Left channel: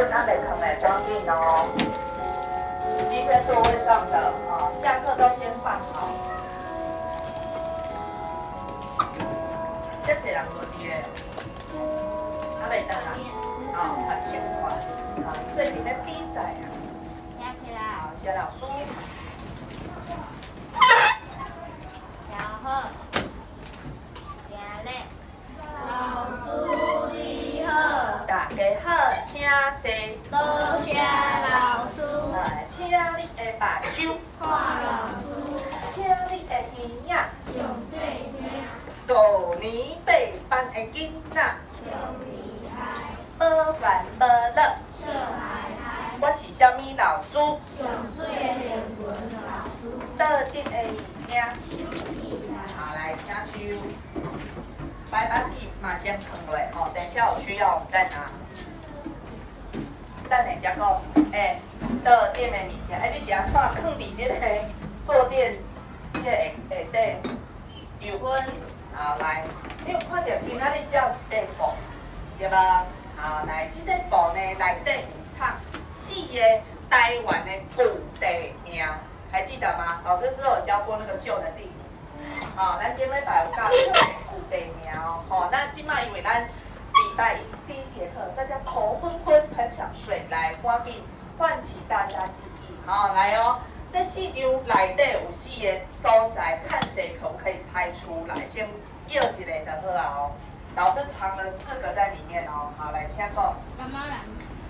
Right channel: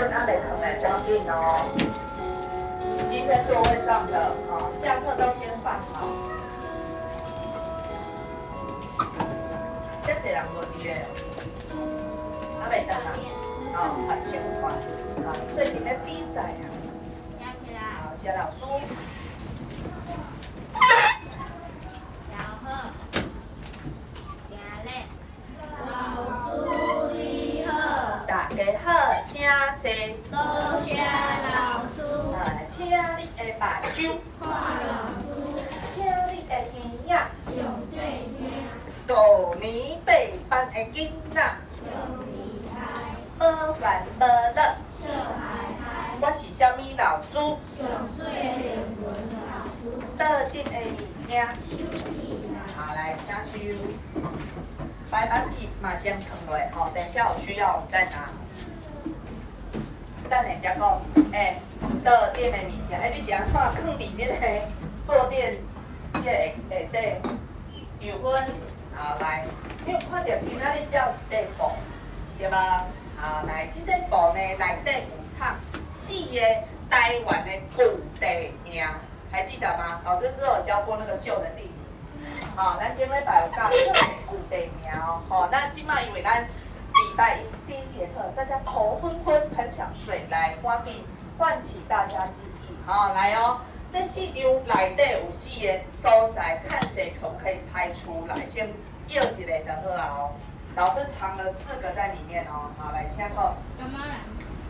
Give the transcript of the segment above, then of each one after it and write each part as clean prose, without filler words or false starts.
孙阿美疼来装订哦。今天座位上的哦，下课都先放好。这几人轮的阿美等啊，哦，很听话，啊，最近在比赛啊。好，谢老师。大家好，请坐。多谢老师，请你的目睭看老师，请你的耳仔上细听，五年八班的囡仔，上厉害，无烦无乐。笑嗨嗨，我是什么老师？上细英文老师，特定的物件。好，来请收。白板笔嘛先放落，吼，等一下有需要我们再拿。等下才讲，桌垫的物件，你是安怎放伫这个坐垫这个下底？有分，好来，你有看到今仔日照一块布，对吧？好来，这块布呢内底有藏4个台湾的古地名，还记得吗？老师之后有教过那个旧的地名。好，咱顶礼拜有教旧的古地名哦。好，那今麦因为咱礼拜一第1节课，大家头昏昏，很想睡，来赶紧唤起大家记忆。好，来哦。这4张内底有4个所在，看谁可不可以猜出来。先要一个就好啊哦。老师藏了4个在里面哦。好，来请讲。干嘛啦？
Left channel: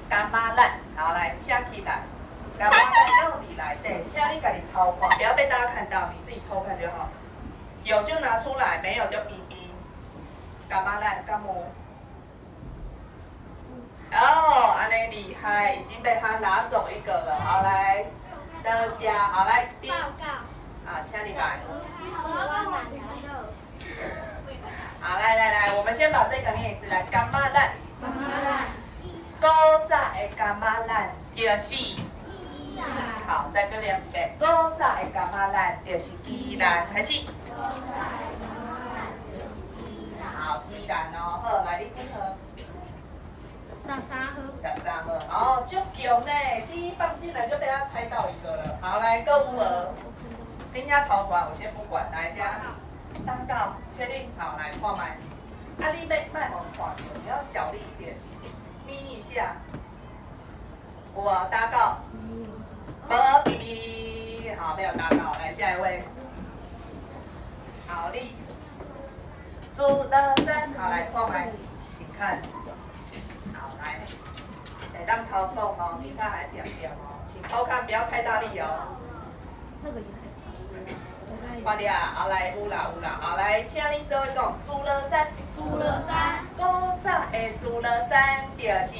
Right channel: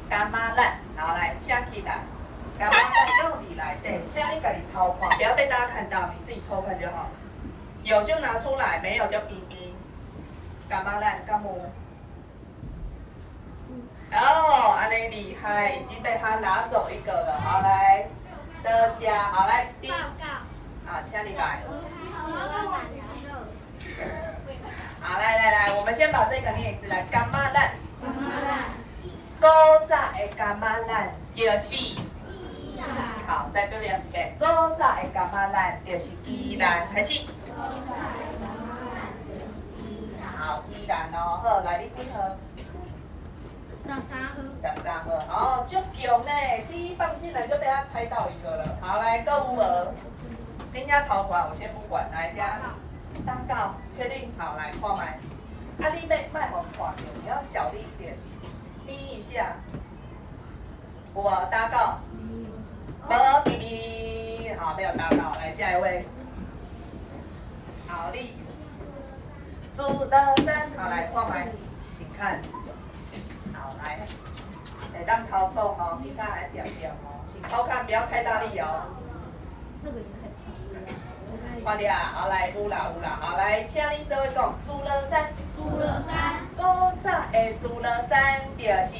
干妈烂，好来请起来。干妈烂到底内底，请你自己偷看，不要被大家看到，你自己偷看就好了。有就拿出来，没有就哔哔。干妈烂，干母。哦，安尼厉害，已经被他拿走1个了。好来。的下，好来，第啊，请你来。好，来，我们先把这个念一次来，干妈烂。干嘛啦？古早的干妈烂就是好，再跟练一遍。古早的干妈烂就是宜兰，开始。好，宜兰哦，好，来你几号13号， 13号，哦，足强呢，第一放进来就被他猜到1个了。好，来购物额，人家头款我先不管，来家大告，确定？好，来看麦。啊，你卖我看的，你要小力一点，眯一下。我大告，没比比，好，没有大告，来下一位。好力，朱乐山，好来看麦，请看。好来，得当掏缝哦，你看还点点哦，请偷看，不要太大力哦。看到啊，好来有啦，好来，请恁做位讲，朱乐山，朱乐山，古早的朱乐山就是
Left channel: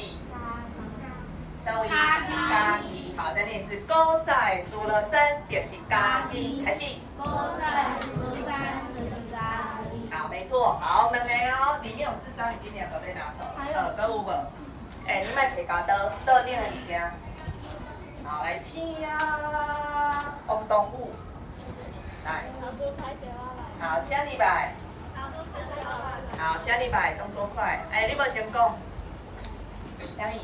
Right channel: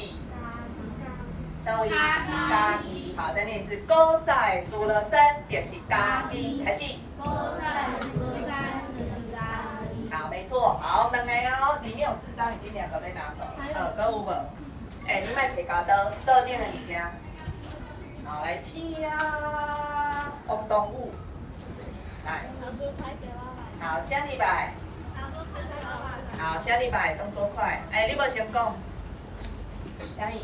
各位嘉义，好再念一次，古早的朱乐山就是嘉义，开始。古早的朱乐山就是嘉义。好，没错，好2个哦，里面有4张，已经2个被拿走，搁有无？你莫摕胶倒点的物件。好，来请王东武，来。好，请你来。好，请你来，动作快。你无先讲。嘉义，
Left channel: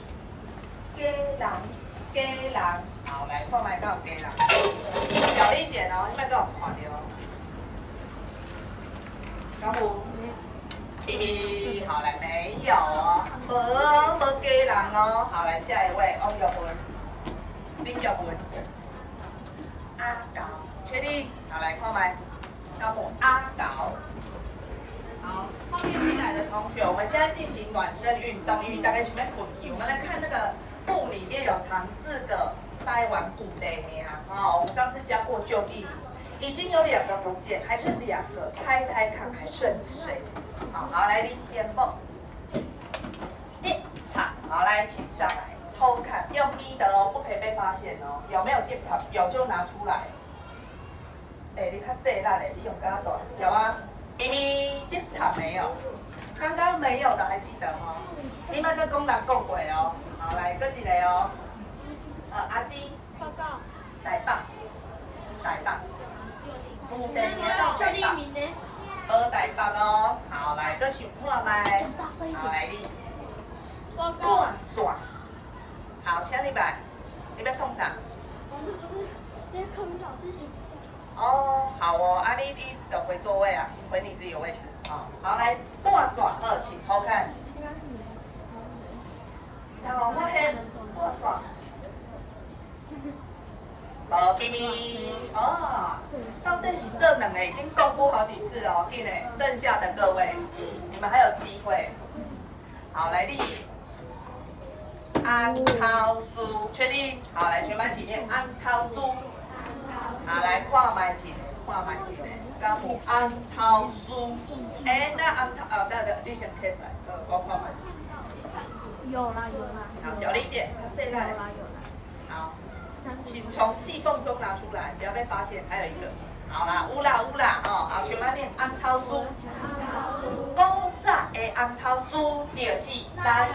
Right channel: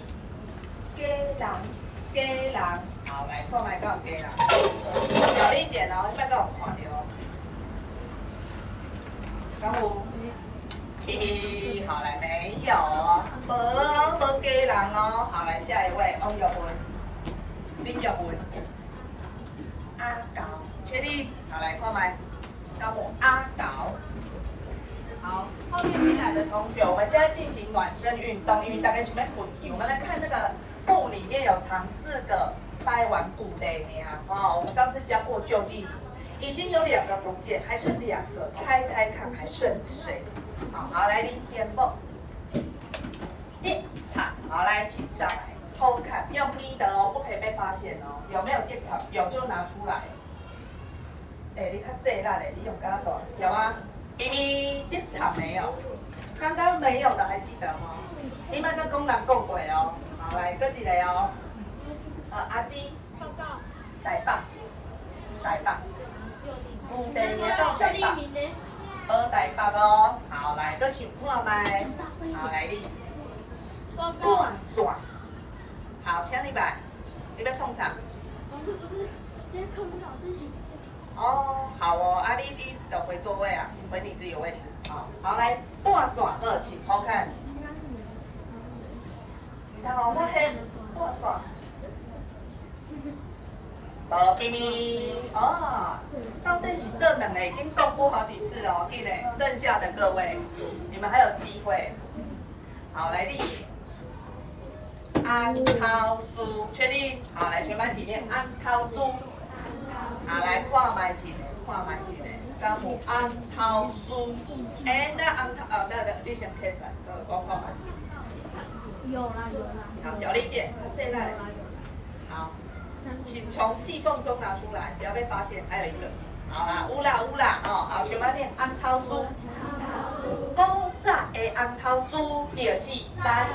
鸡人，好，来看麦到鸡人。小力点哦，你莫给我看到。刚有。B B， 好来没有哦，无鸡人哦，好来下一位，王玉文，林玉文，阿搞，确定？好来看麦，招募阿搞。好，后面进来的同学，我们现在进行暖身运动，因为大概准备滚题，我们来看那个布里面有藏4个台湾古地名哦，我们上次教过旧地理，已经有2个不见，还剩2个，猜猜看还剩谁？好，来领先梦，电场，好来请上来偷看，用咪的哦，不可以被发现哦。有没有电场？有就拿出来。你看细烂的，你用刚刚短，有吗？咪咪，电场没有，刚刚没有的还记得吗？你们跟公人讲过哦。好，来，搁一个哦。阿基，台北，古地名到台北。台北哦，好来，搁想看麦，好来你，好，请你来，你要创啥？老师不是今天课本老师写。哦，好哦，啊你就回座位啊，回你自己的位置。好，好来，半线二，请偷看。然后我黑半线。咪咪哦，到底是这两个已经公布好几次哦，记得剩下的各位，你们还有机会。好，来你安涛书，确定？好，来全班起念安涛书。好，来看麦一个，看麦一个，敢有安涛书？哎，那安涛你先贴出来，我看麦。有啦有啦。好，小力一点，现在。有啦有啦。好。请从细缝中拿出来，不要被发现。还有一个，好啦，有啦，哦，好，全班念红头书。古早的红头书就是咱，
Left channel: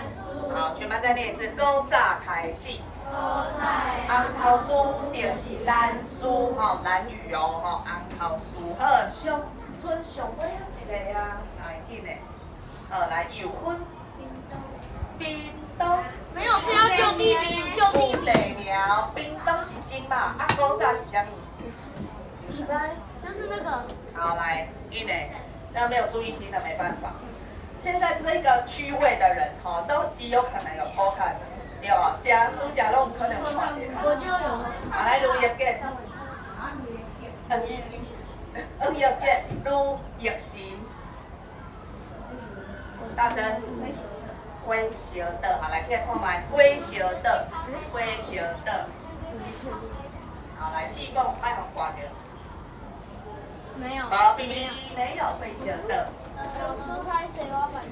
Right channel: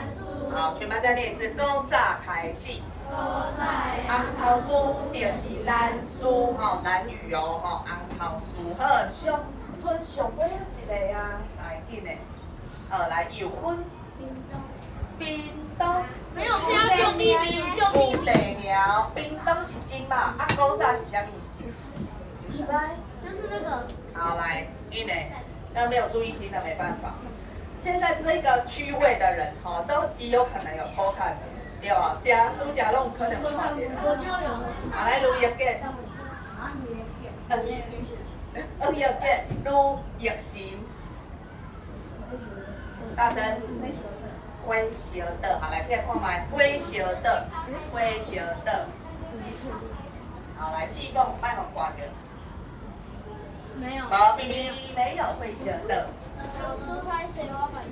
好，全班再念一次，古早开始。红头书就是咱书，吼，咱语哦，吼，红头书。好，上村上尾一个啊，来紧的，来有分。冰东。没有，是要就地名，就地名。地名，冰东是金嘛，啊，古早是啥物？不知。就是那个。好，来，因为那没有注意听的没办法。现在这个区位的人哈，都极有可能有偷看的，对吧？假弄可能有看见。我就有。好，来录一遍。录一遍，录一行。大声。灰蛇的，好来，再看麦，灰蛇的，好来，细缝卖红挂着，没有，好，咪咪没有灰蛇的，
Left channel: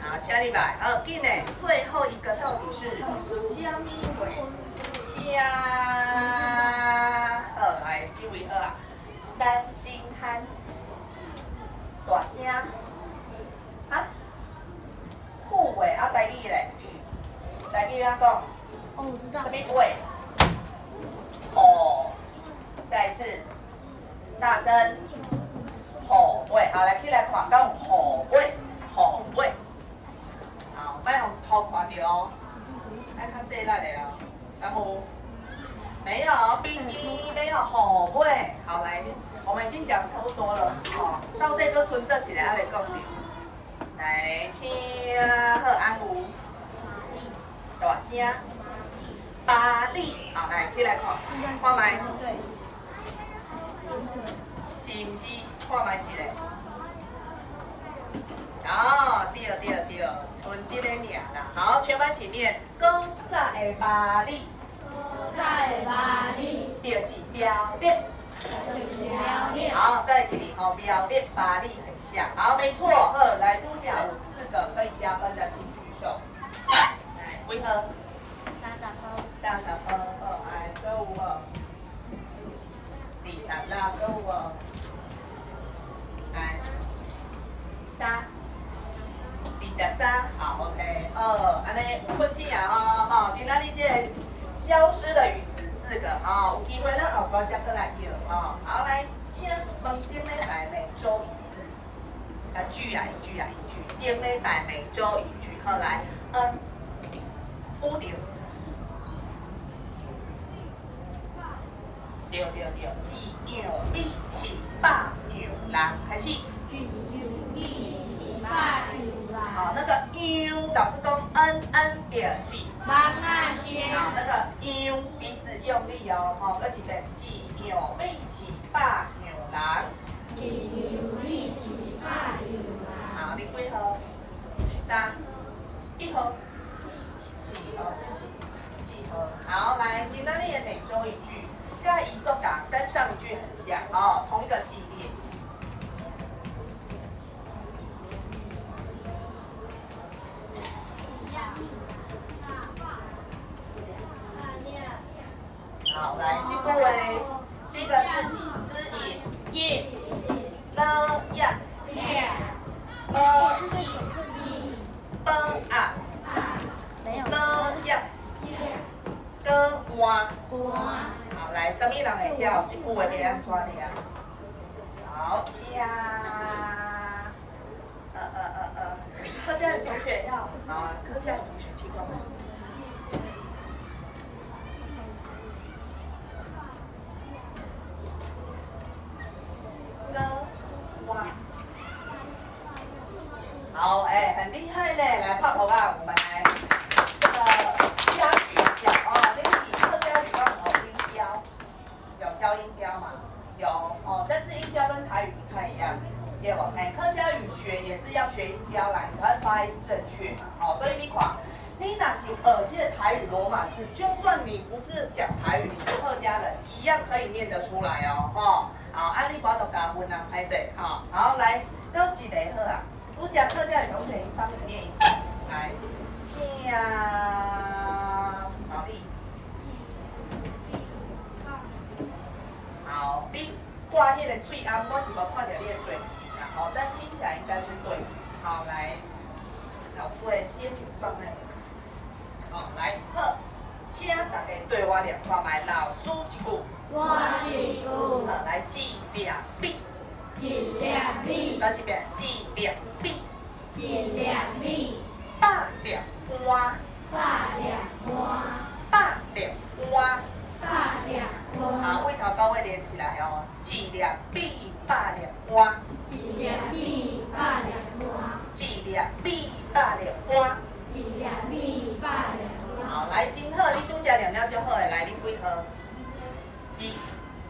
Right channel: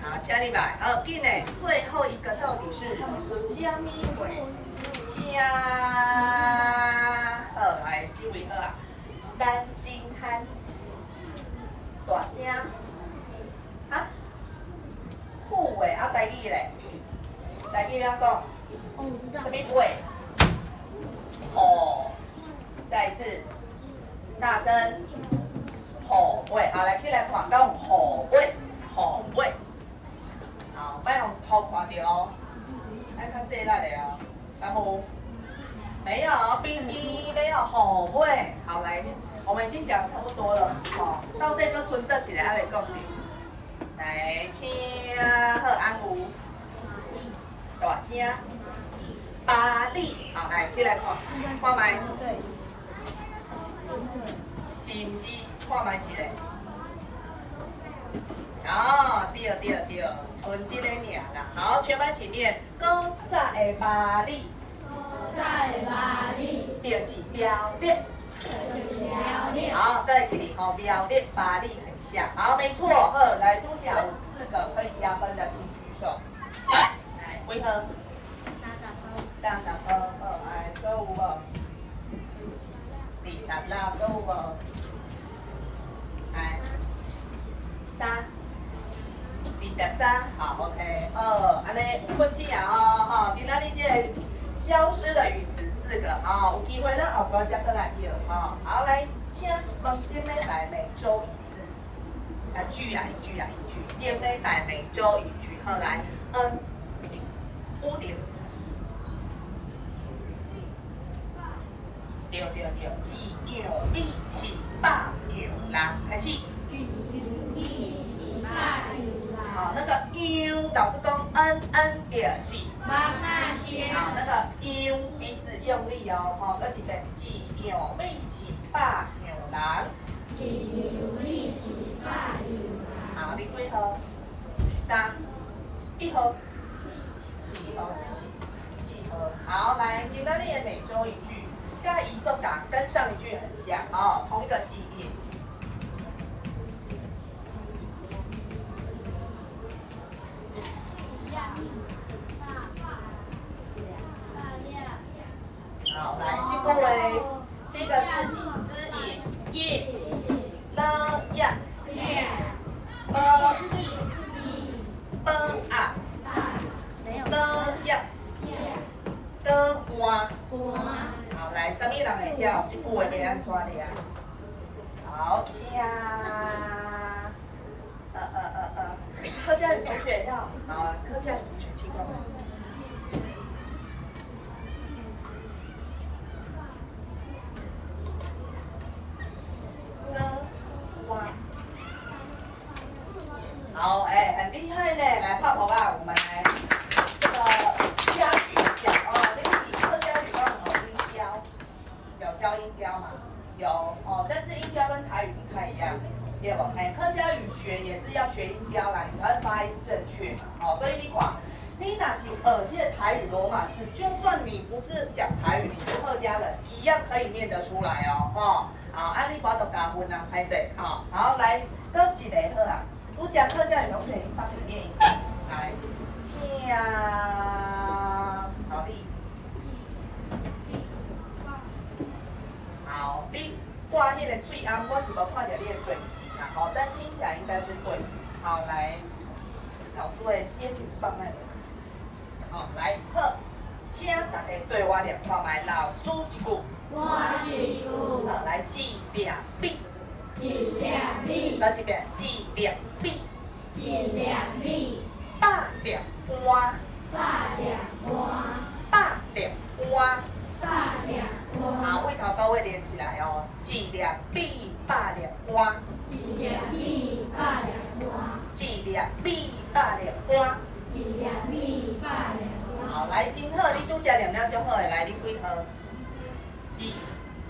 好，请你来，紧嘞，最后一个到底是虾米灰？虾，好来，这位好啊，担心憨，大声，啊？护尾啊，台语嘞，台语怎讲？哦，我知道。什么尾？吼，再一次，大声，吼尾，好来，起来看，讲吼尾，好，别用头看到哦，爱较细力的哦，然后没有，冰冰没有吼尾，好来，我们已经讲差不多了，好，到这个村得起来，还没讲对。来，请好安有大声，巴黎，好来，起来看，看麦，对。是不是？看麦一个。哦，对，剩这个尔啦。好，全班请念，古早的巴黎，就是表列。好，再给你好表列巴黎很像，好，没错。好，来多讲4个可以加分的，请举手。来，几何？30分，好，来，搁有无？20啦，搁有无？来，23，好 ，OK，安尼有分起啊，哦，今仔日这个消失的语词4个，有机会咱后边再过来用，好，来，请问顶礼拜每周一句，一句，顶礼拜每周一句，好来，屋顶，对，一牛一起霸牛郎，开始。好，那个 u 老师讲 n 点是。好，那个 u 鼻子用力哦，好，搁一遍，一牛一起霸牛郎。好，你几号？3、1号。4号。好，来，今天你的每周一句，该一作感跟上一句很像，同一个系列。好，来，这个为第一个字是之引，了呀，啊，了呀，换。好，来，什么人会跳？这句话要安怎的啊？好，请客家语同学要，好，客家语同学请过来。教音标吗？有哦，但是音标跟台语不太一样，对不？哎，客家语学也是要学音标来，你才会发音正确嘛。哦，所以你看，你若是这个台语罗马字，就算你不是讲台语，你是客家人，一样可以念得出来哦。哦，好，啊，你把它加分啊，拍谁？好，然后来，搁一个好啊，我讲客家语，我可以帮你念一次，来，请，好力。好，你挂迄个喙安，我是无看到你的嘴型啊，好，但听起来应该是对的。好，来，老师会先放在，好，来，好，请大家对我念看卖，老师一句，我一句，好，来，记两笔，一两笔，来这边，记两笔，一两笔，八两碗，八两碗，八两碗。八两碗，好，尾头到尾连起来哦，一两笔，八两碗，一两笔，八两碗，一两笔，八两碗。一两笔，八两碗。好，来，真好，你拄食凉了就好诶，来，你几号？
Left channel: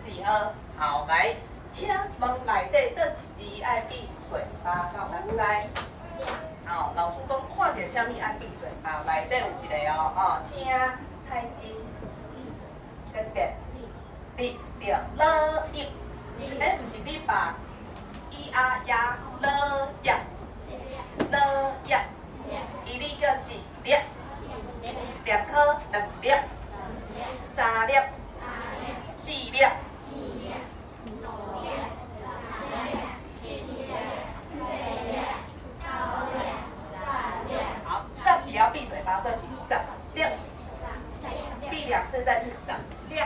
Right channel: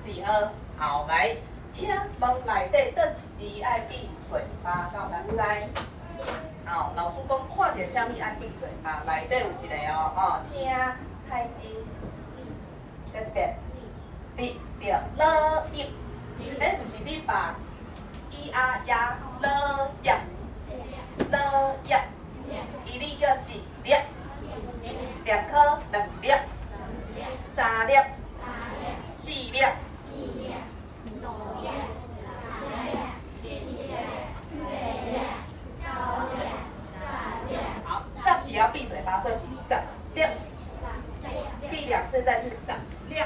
四号。好，来，请问内底倒一字爱闭嘴巴，敢有人知？好，老师讲看到啥物爱闭嘴巴，内底有一个哦，哦，请猜金。在这边，闭着了一，哎，不是你把咿啊呀了呀了呀，一粒叫一粒，两颗两粒，三粒，四粒，好，上也要闭嘴巴，是不是？十粒，闭两次再是十粒，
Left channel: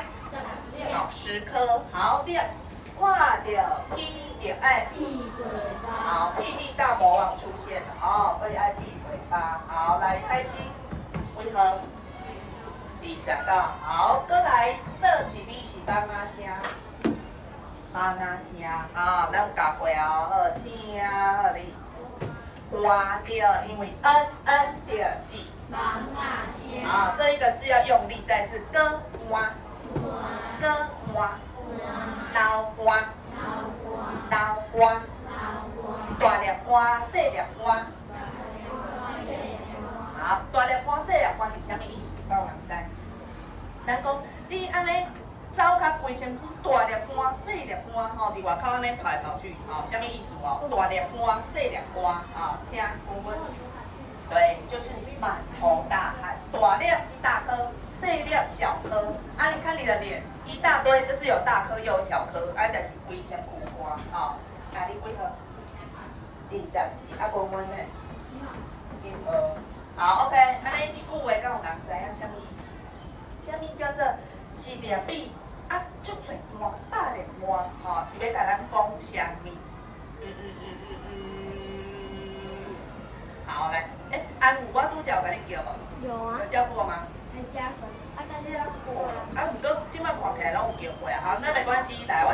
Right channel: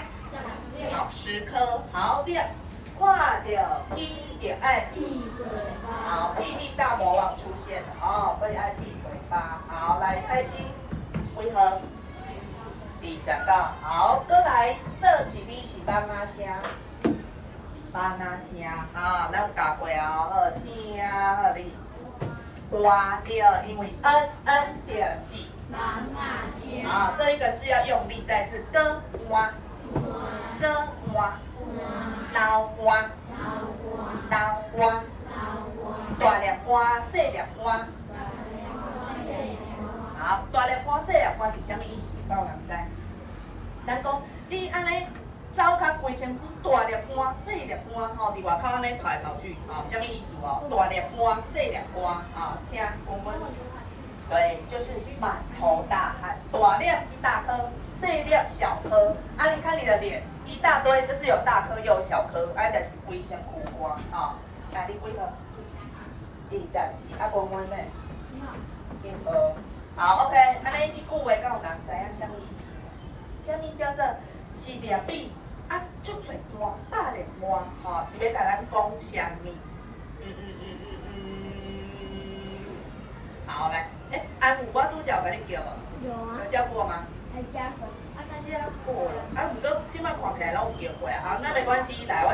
好，10颗，好粒，看到一点爱闭嘴巴，好，屁屁大魔王出现了哦，所以爱闭嘴巴。好，来猜金，为何？20个，好，过来，这一字是放啊声，放啊声，好，咱教过哦，好，请好你，花掉，因为掉是，忙啊香，好，这一个字要用力，再次割花，割花，老花，老花。大粒花，小粒花。好，大粒花、小粒花是啥物意思？敢有人知？咱讲你安尼走甲规身躯，大粒花、小粒花，吼，伫外口安尼跑来跑去，吼，啥物意思哦？大粒花、小粒花，好，请公分。对，就是满头大汗，大粒大颗，小粒小颗。啊，你看你的脸一大堆，就是有大颗又有小颗，啊，就是规身躯花，啊，那你几号？24，啊，文文呢？好 ，OK， 安尼这句话，敢有人知影啥物意思？啥物叫做一粒米啊，足侪碗，大粒碗，吼，是要甲咱讲啥物？好，来，安武，我拄则有甲你叫无？有啊，有叫过吗？还加分，加过了，啊，不过即摆看起来拢有叫过啊，好，那没关系，来，我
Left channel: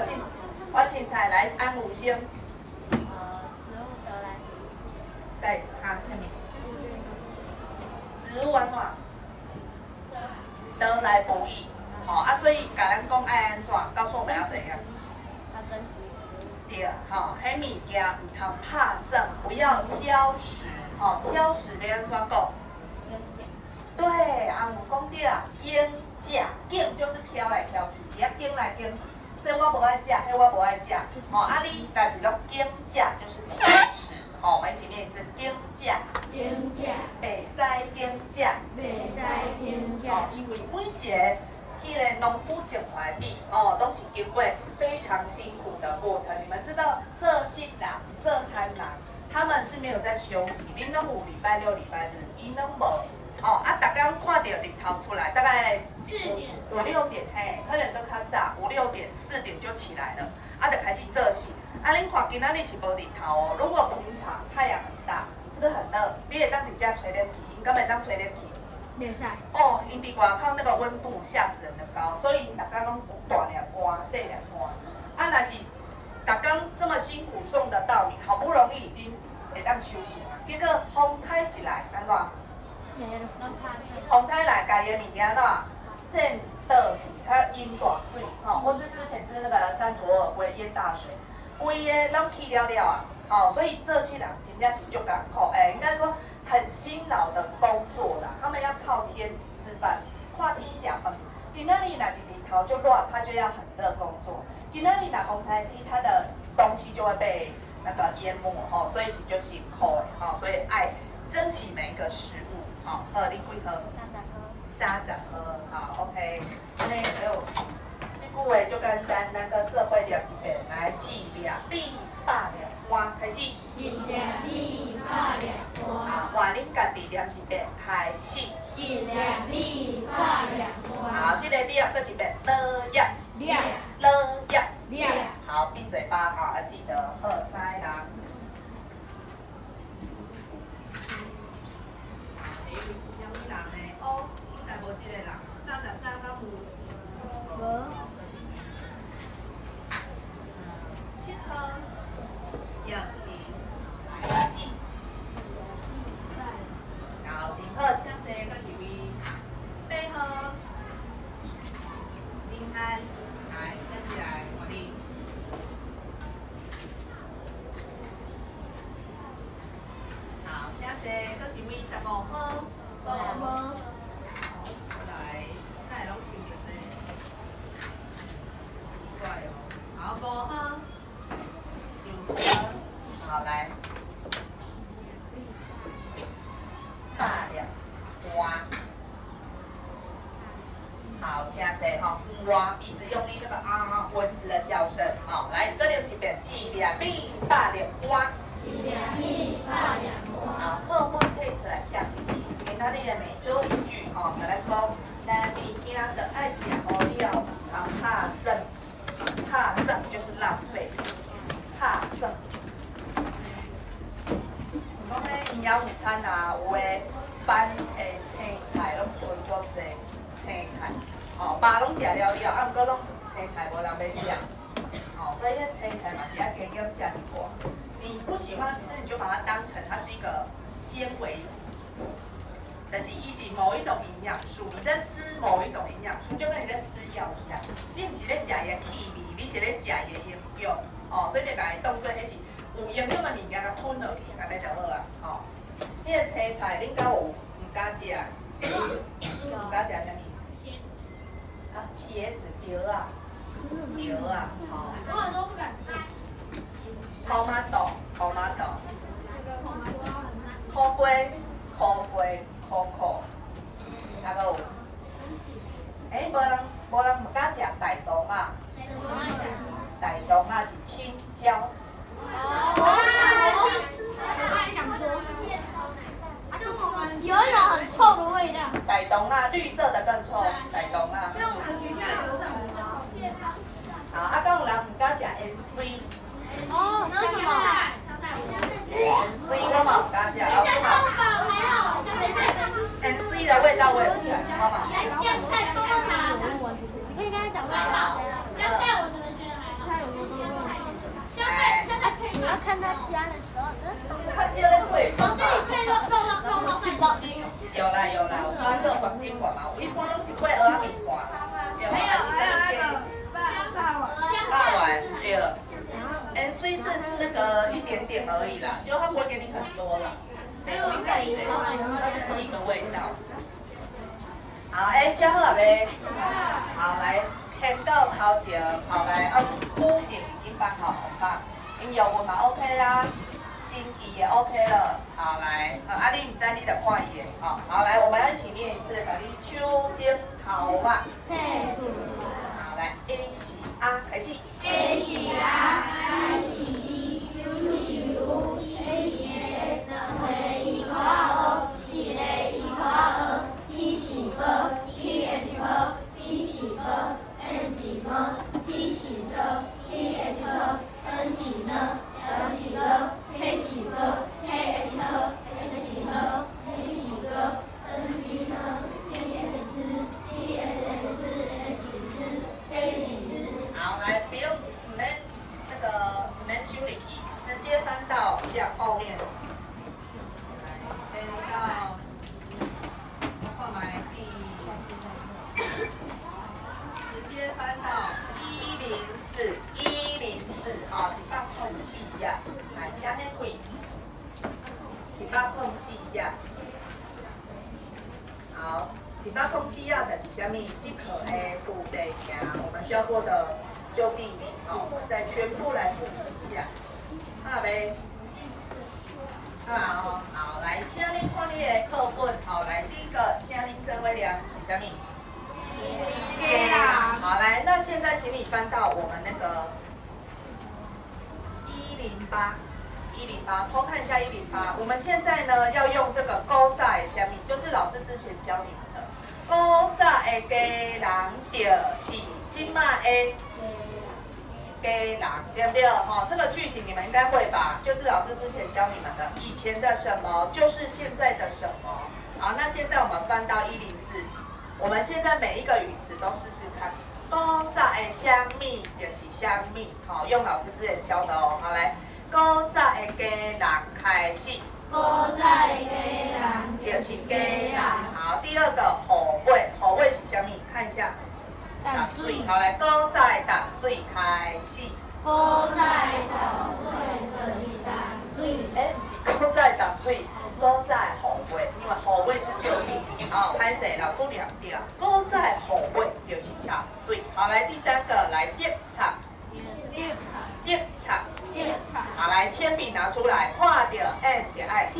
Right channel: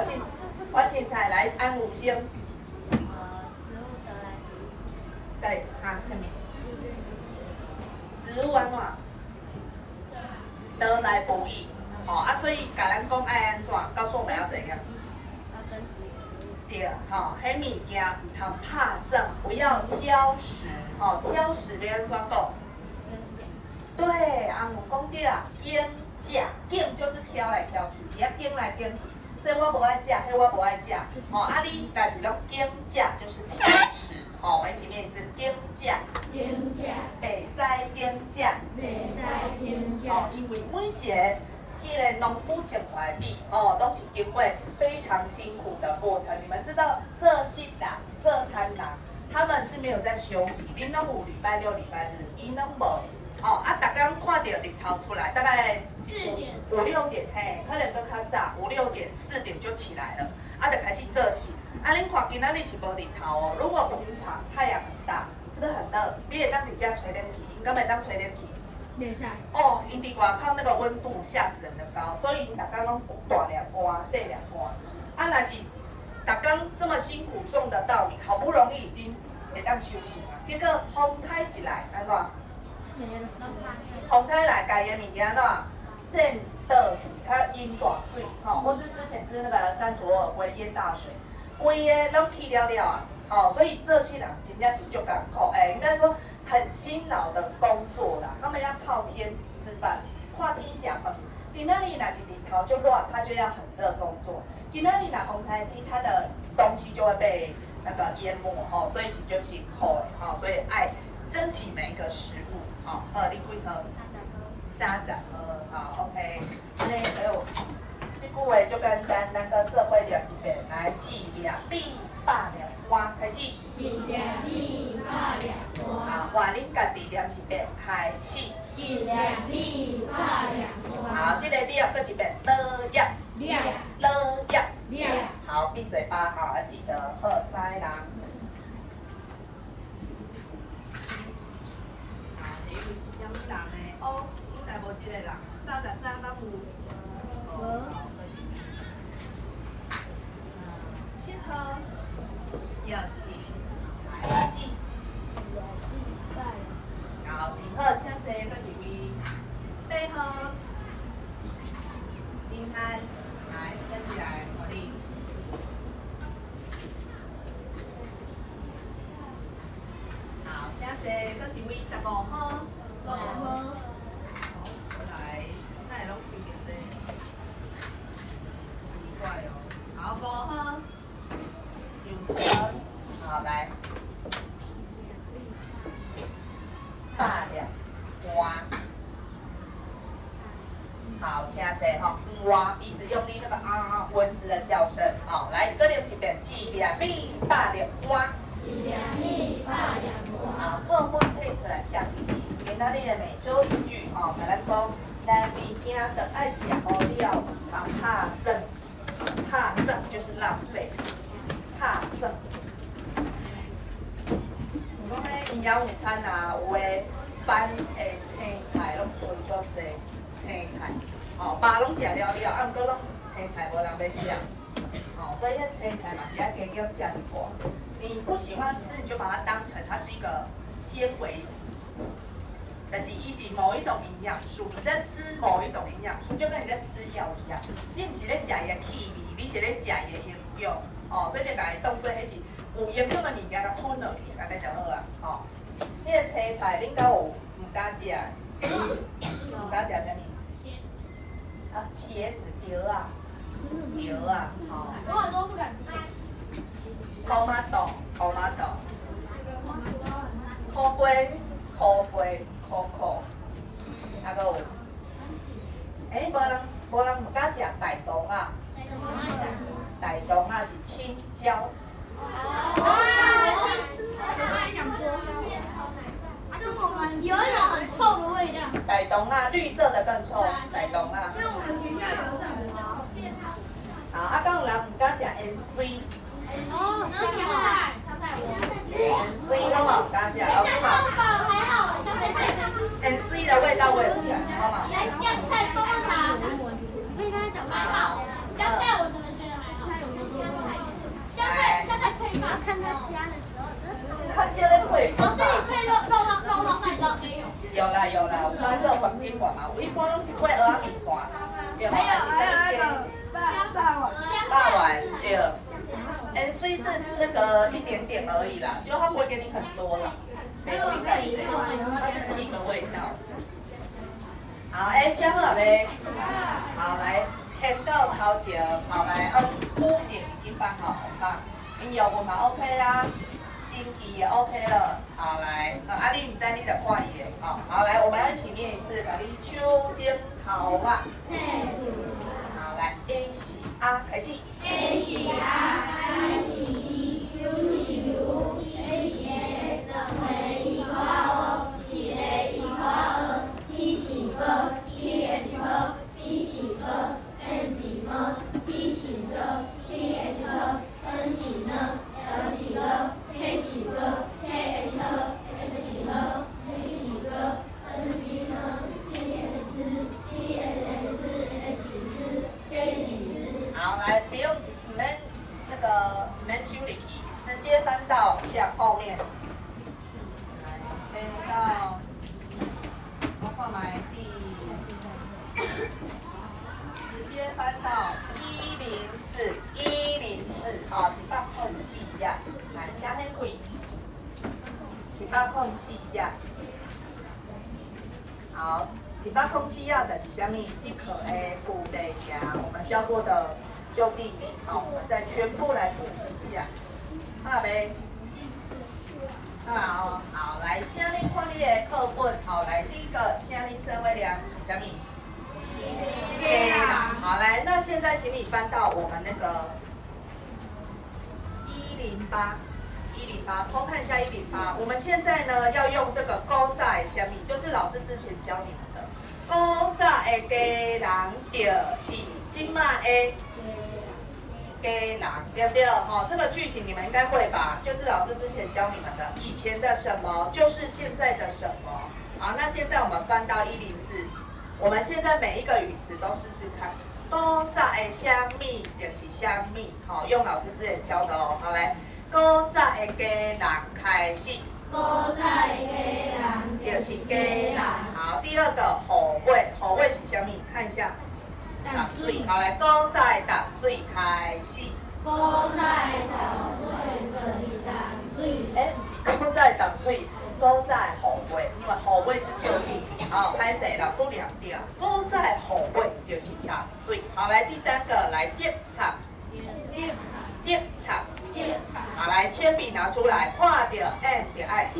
凊彩来安武先。对，啊，下面食完嘛，得来不易，啊，所以甲咱讲爱安怎，告诉我们要怎样？对，迄物件唔通拍算，不要挑食，挑食要安怎讲？对，啊，有讲对啦，拣价，拣就是挑来挑去，你要拣来拣去，所以我无爱食，迄我无爱食，啊你但是拢拣价就是挑食。我们一起念一次点价，点价，袂使点价，袂使点价，因为每一个迄个农夫种出来的米，都是经过非常辛苦的过程。你们知道这些人、这餐人，他们是没有在休息，因拢有礼拜六、礼拜日，因拢无。大家看到日头出来，大概4点、 5、6点，嘿，可能都较早，5、6点、4点就起来了，就开始做事。恁看今仔日是无日头哦，如果平常太阳很大，是不是很热？你会当伫遮吹冷气，因敢袂当吹冷气？袂使，哦，因伫外口那个温度吓死人的高，所以大家拢大粒花、小粒花。若是大家这么辛苦种的稻米，好不容易已经会当休息了，结果风台一来，安怎？没了，风台来，家己的物件怎散倒去它淹大水，或是之前是那个三坨尔会淹大水，规个拢去了了啊，所以这些人真正是足艰苦，应该说很辛劳的工作啦，他们要靠天吃饭，看天吃饭。今仔日若是日头就热，他就要很热工作；今仔日若风太低，他的东西就会被那个淹没所以是就辛苦的所以爱珍惜每一个食物你几盒？30盒，好 ，OK。那还有这句话就简单，咱个做伙念一遍，来记念必百两碗，开始。一两米八两花，好，换恁家己念一遍，开始。一两米八两花，好，这个念搁一遍，了呀，亮了呀。亮，好，闭嘴巴，好，记得喝塞啦。好，你是什么人呢？哦，应该无这个人，33万有。7号，又是来始。好，真好，请坐，搁一位。8号，新安，来，跟起来，我哋。好，请坐，搁一位15号。好，好，过来，那会拢抽着这，奇怪哦。好，5号，有声，好来。大两花，好，请坐哈，花一直用力那个蚊子的叫声，好，来，各念一遍，一两米大两花，一两米八两花，好，好，我退出来下一题，今仔日的每周一句，甲咱讲，咱物件的爱食好了，怕剩，怕剩就是浪费，怕剩。讲咧营养午餐啊，有诶饭诶青菜拢剩足济青菜，爸拢食了了，毋过拢青菜无人要食，所以迄青菜嘛是要加减食一寡。你不喜欢吃，你就把它当成它是一个纤维，但是伊是某一种营养素，你在吃某一种营养素，就跟你在吃药一样，你毋是咧食伊的气味，你是咧食伊的营养，所以你把它当做迄是。有营养的物件，甲吞落去，安尼就好啊。迄个青菜，恁敢有唔敢食？唔敢食啥物？茄子条啊，条啊，我好多不敢吃。tomato，苦瓜，coco，还有，无人唔敢食大肠啊，大肠啊是青椒。有一种很臭的味道。傣东啊，绿色的更臭，傣东啊。因为我们学校有什么？好，敢有人唔敢食盐水？哦，那什么？盐水我嘛唔敢食，老师嘛。还好，香菜。盐水的味道我也不喜欢，我嘛。香菜棒棒糖。我可以跟他讲话。香菜我真的觉得还好。香菜配饭，看他加的时候。他加的配饭。老师，你配肉饭到没有？有啦，我刚热饭宾馆嘛，我一般拢是配蚵仔面线。还有那个霸丸对。盐水是那个一点点而已啦，就它不会给你很多啦。没有应该是，它是一个味道。好，小好嘞。好来，看到头前，好来，屋顶已经放好红棒，音乐文嘛 OK 啦。心仪也 OK 了，好来，阿丽你在你的看伊的，好来，我们要一起念一次，把你手尖头吧。好来 ，A 是啊，开始。A 是啊，I 是一，U 是如，A 是A，回一块二，是 A 一块二，T 是个，T H 个，B 是个，N 是个，T 是个，T H 个，N 是个，L 是个。K 是个 ，K H 个 ，H 是个 ，G 是个 ，N 是个 ，T S 是 ，T S S 是 ，S 是 ，J 是。好，来，不用你们修理题，直接翻到向后面。来，翻到，我看买第4接翻到104，104，好，104页，来，请你开，104页。好，104页就是什么？这课的副题名，我们教过的就地名，好，我们再全部来复习一下，好没？好，来，请你看你的课本，好，来，第一个，请你这位量是什么？给啦，好，来，那现在请你翻到我们那个108，偷看一下108。我们现在呢要用这个古早的虾米，就是老师之前教你们的古早的家人就是今麦的家人，对不对？哈，这个句型你们应该会吧？就是老师之前教你们的，以前的什么就是现在的什么。好，那现在我们翻到104，我们现在每一个语词都试试看。古早的虾米就是虾米，好，用老师之前教的哦。好，来，古早的家人开始。古早的家人就是家人。好，第二个后尾是虾米？看一下。打水，好来，古早的打水开始。古早的打水就是打水。不是古早打水，古早后尾，因为后尾是旧地名，好，歹势，老师念对。古早后尾就是打水。好来，第三个来叠插。叠插。好来，铅笔拿出来，画着 M 点爱。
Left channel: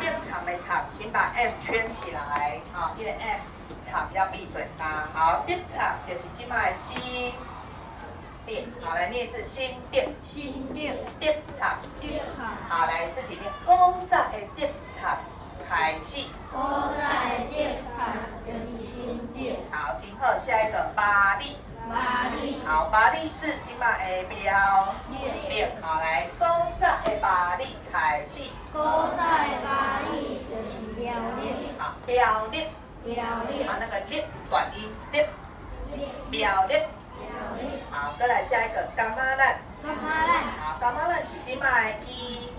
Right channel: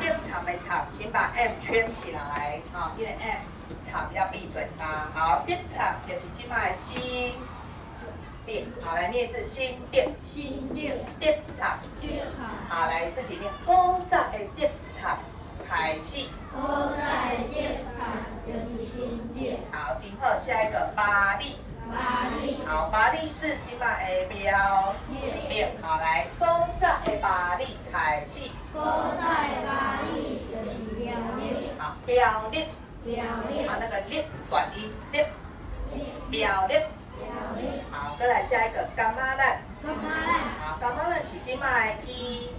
叠插的插，请把 M 圈起来，好，这个 M。插要闭嘴巴，好，电插就是今麦的新店，好来念一次新店，电插，好来自己念，古早的电插开始，古早的电插就是新店。好，今后下一个巴黎，好，巴黎是今麦的标列，好来，古早的巴黎开始，古早的巴黎就是标列，好，标列。好，那个列短音列，标列。好，再来下一个干妈烂。好，干妈烂是今麦一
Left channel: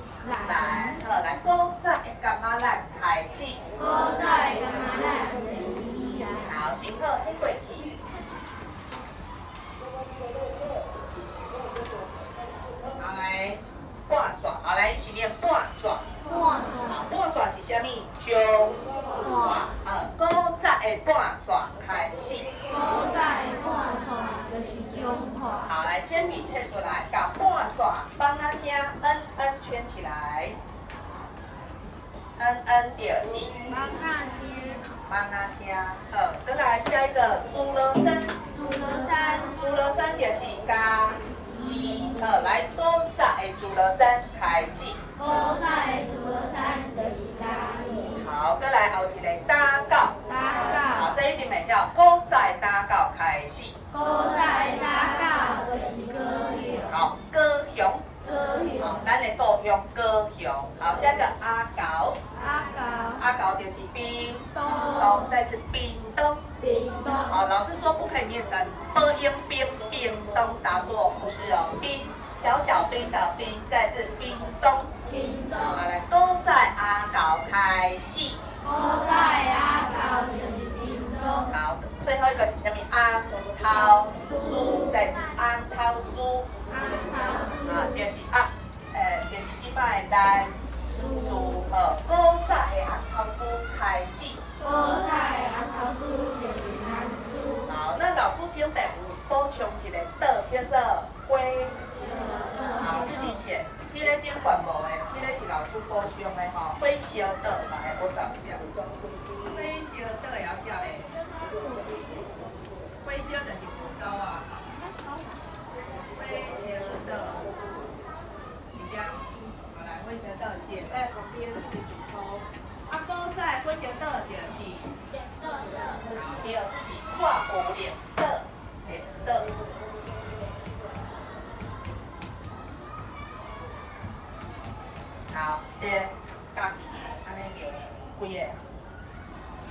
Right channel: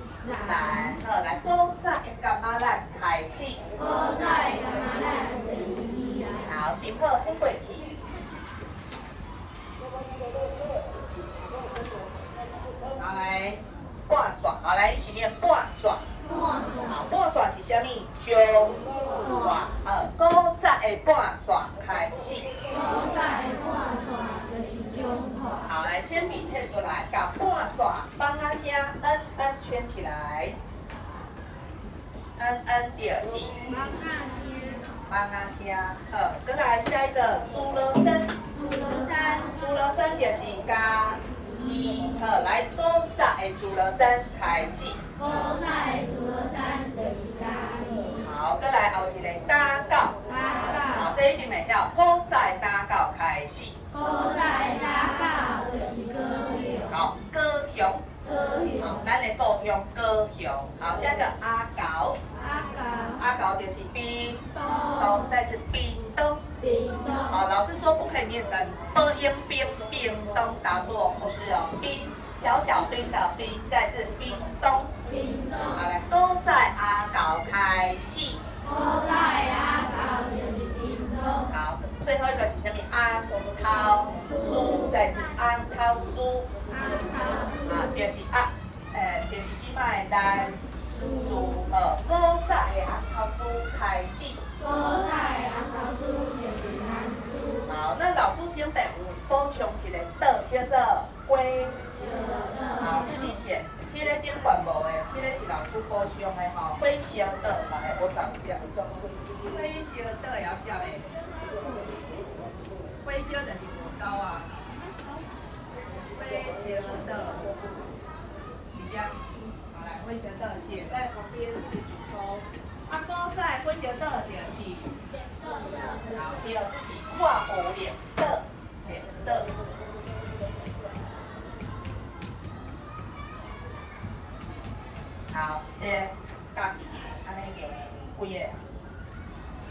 来，好来，古早的干妈烂开始。古早的干妈烂就是一来。好，今后黑过去。好来，半刷，好来一起念半刷。好，半刷是啥物？中华。古早的半刷开始。古早的半刷就是中华。好，来铅笔贴出来，把半刷帮它先圈起来。就是帮它先。好，再来下一个猪肉山。猪肉山就是加一。好，来古早的猪肉山开始。古早的猪肉山就是加一。好，再来后一个打狗。好，这一定会晓。古早的打狗开始。古早的打狗就是高雄。好，高雄。好，咱的故乡高雄。好，下一个阿狗。阿狗就是屏东，再次屏东。好，老师说不可以念成屏东，答错，不是哦，冰小小冰的冰，再次屏东。好，来，古早阿狗开始。古早阿狗就是屏东。好，最后一个是什么？安头酥，再次安头酥。啊，就是就是即摆的咱酥好，古早的红头酥开始。古早的红头酥就是咱酥。好，那老师顶边有补充一个字，叫做龟。好，自己写。迄个顶款无的，迄个是老师补充的吼。火烧岛来，我找一下。火烧岛会晓写的。火烧就是火烧啊。火烧岛，你这样，好来，火烧岛写在旁边自己补充。啊，古早火烧岛就是好，第二自己画弧脸的。好，家己安尼念几个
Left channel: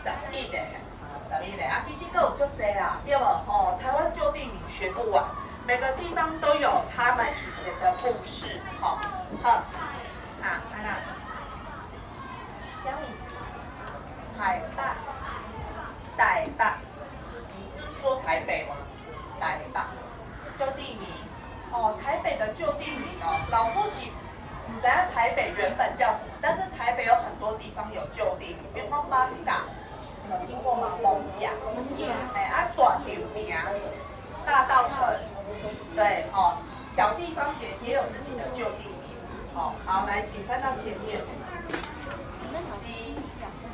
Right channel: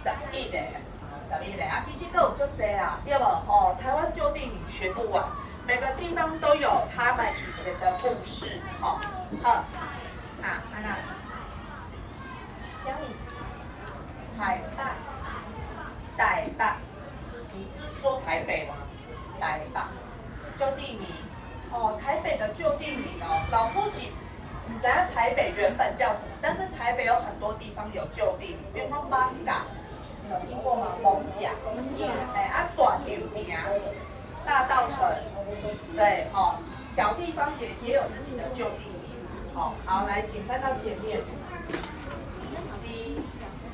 ？11个，好，11个啊，其实佫有足侪啦，对无？吼，台湾旧地名学不完，每个地方都有他们以前的故事，吼，好，安那，虾米？海带，台北，说台北吗？台北。旧地名哦，台北的旧地名哦，老夫是你知道台北原本叫什么？但是台北有很多地方有旧地名，比如说艋舺，你有听过吗？艋舺。啊，大林名，大稻埕，对，哦，小地方也有自己的旧地名。好，来，请翻到前面。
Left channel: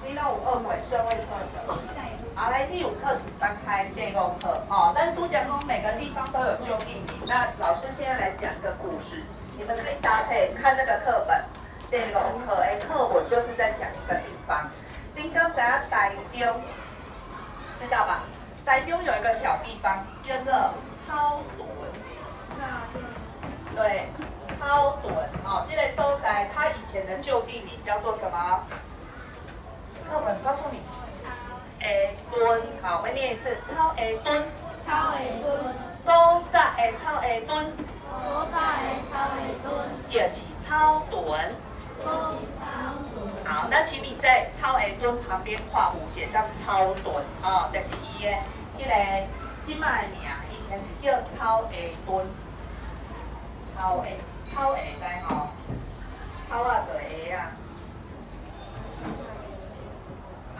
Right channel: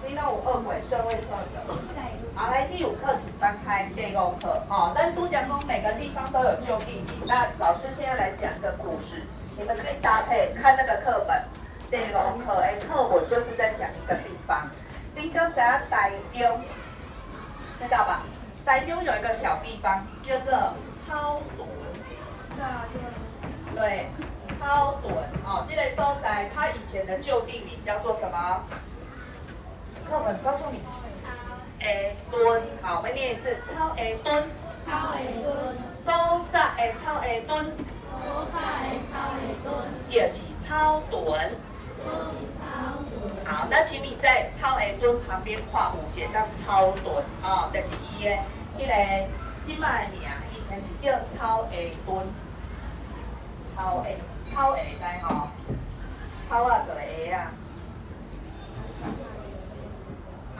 你那有2回社会课的，好，来第5课请翻开第5课。但都讲说每个地方都有旧地名，那老师现在来讲个故事，你们可以搭配看那个课本。第5课课文就是在讲一个地方。您刚才台中，知道吧？台中有一个小地方叫做草屯。对，草屯。这个所在它以前的旧地名叫做什么？课本告诉你，屯，好，我们念一次，草屯，草屯，古早的草屯，古早的草屯，就是草屯。好，那请你在草屯旁边画5，写上草屯，就是伊的迄个即卖名，以前是叫草屯，草知吼，草啊做鞋啊。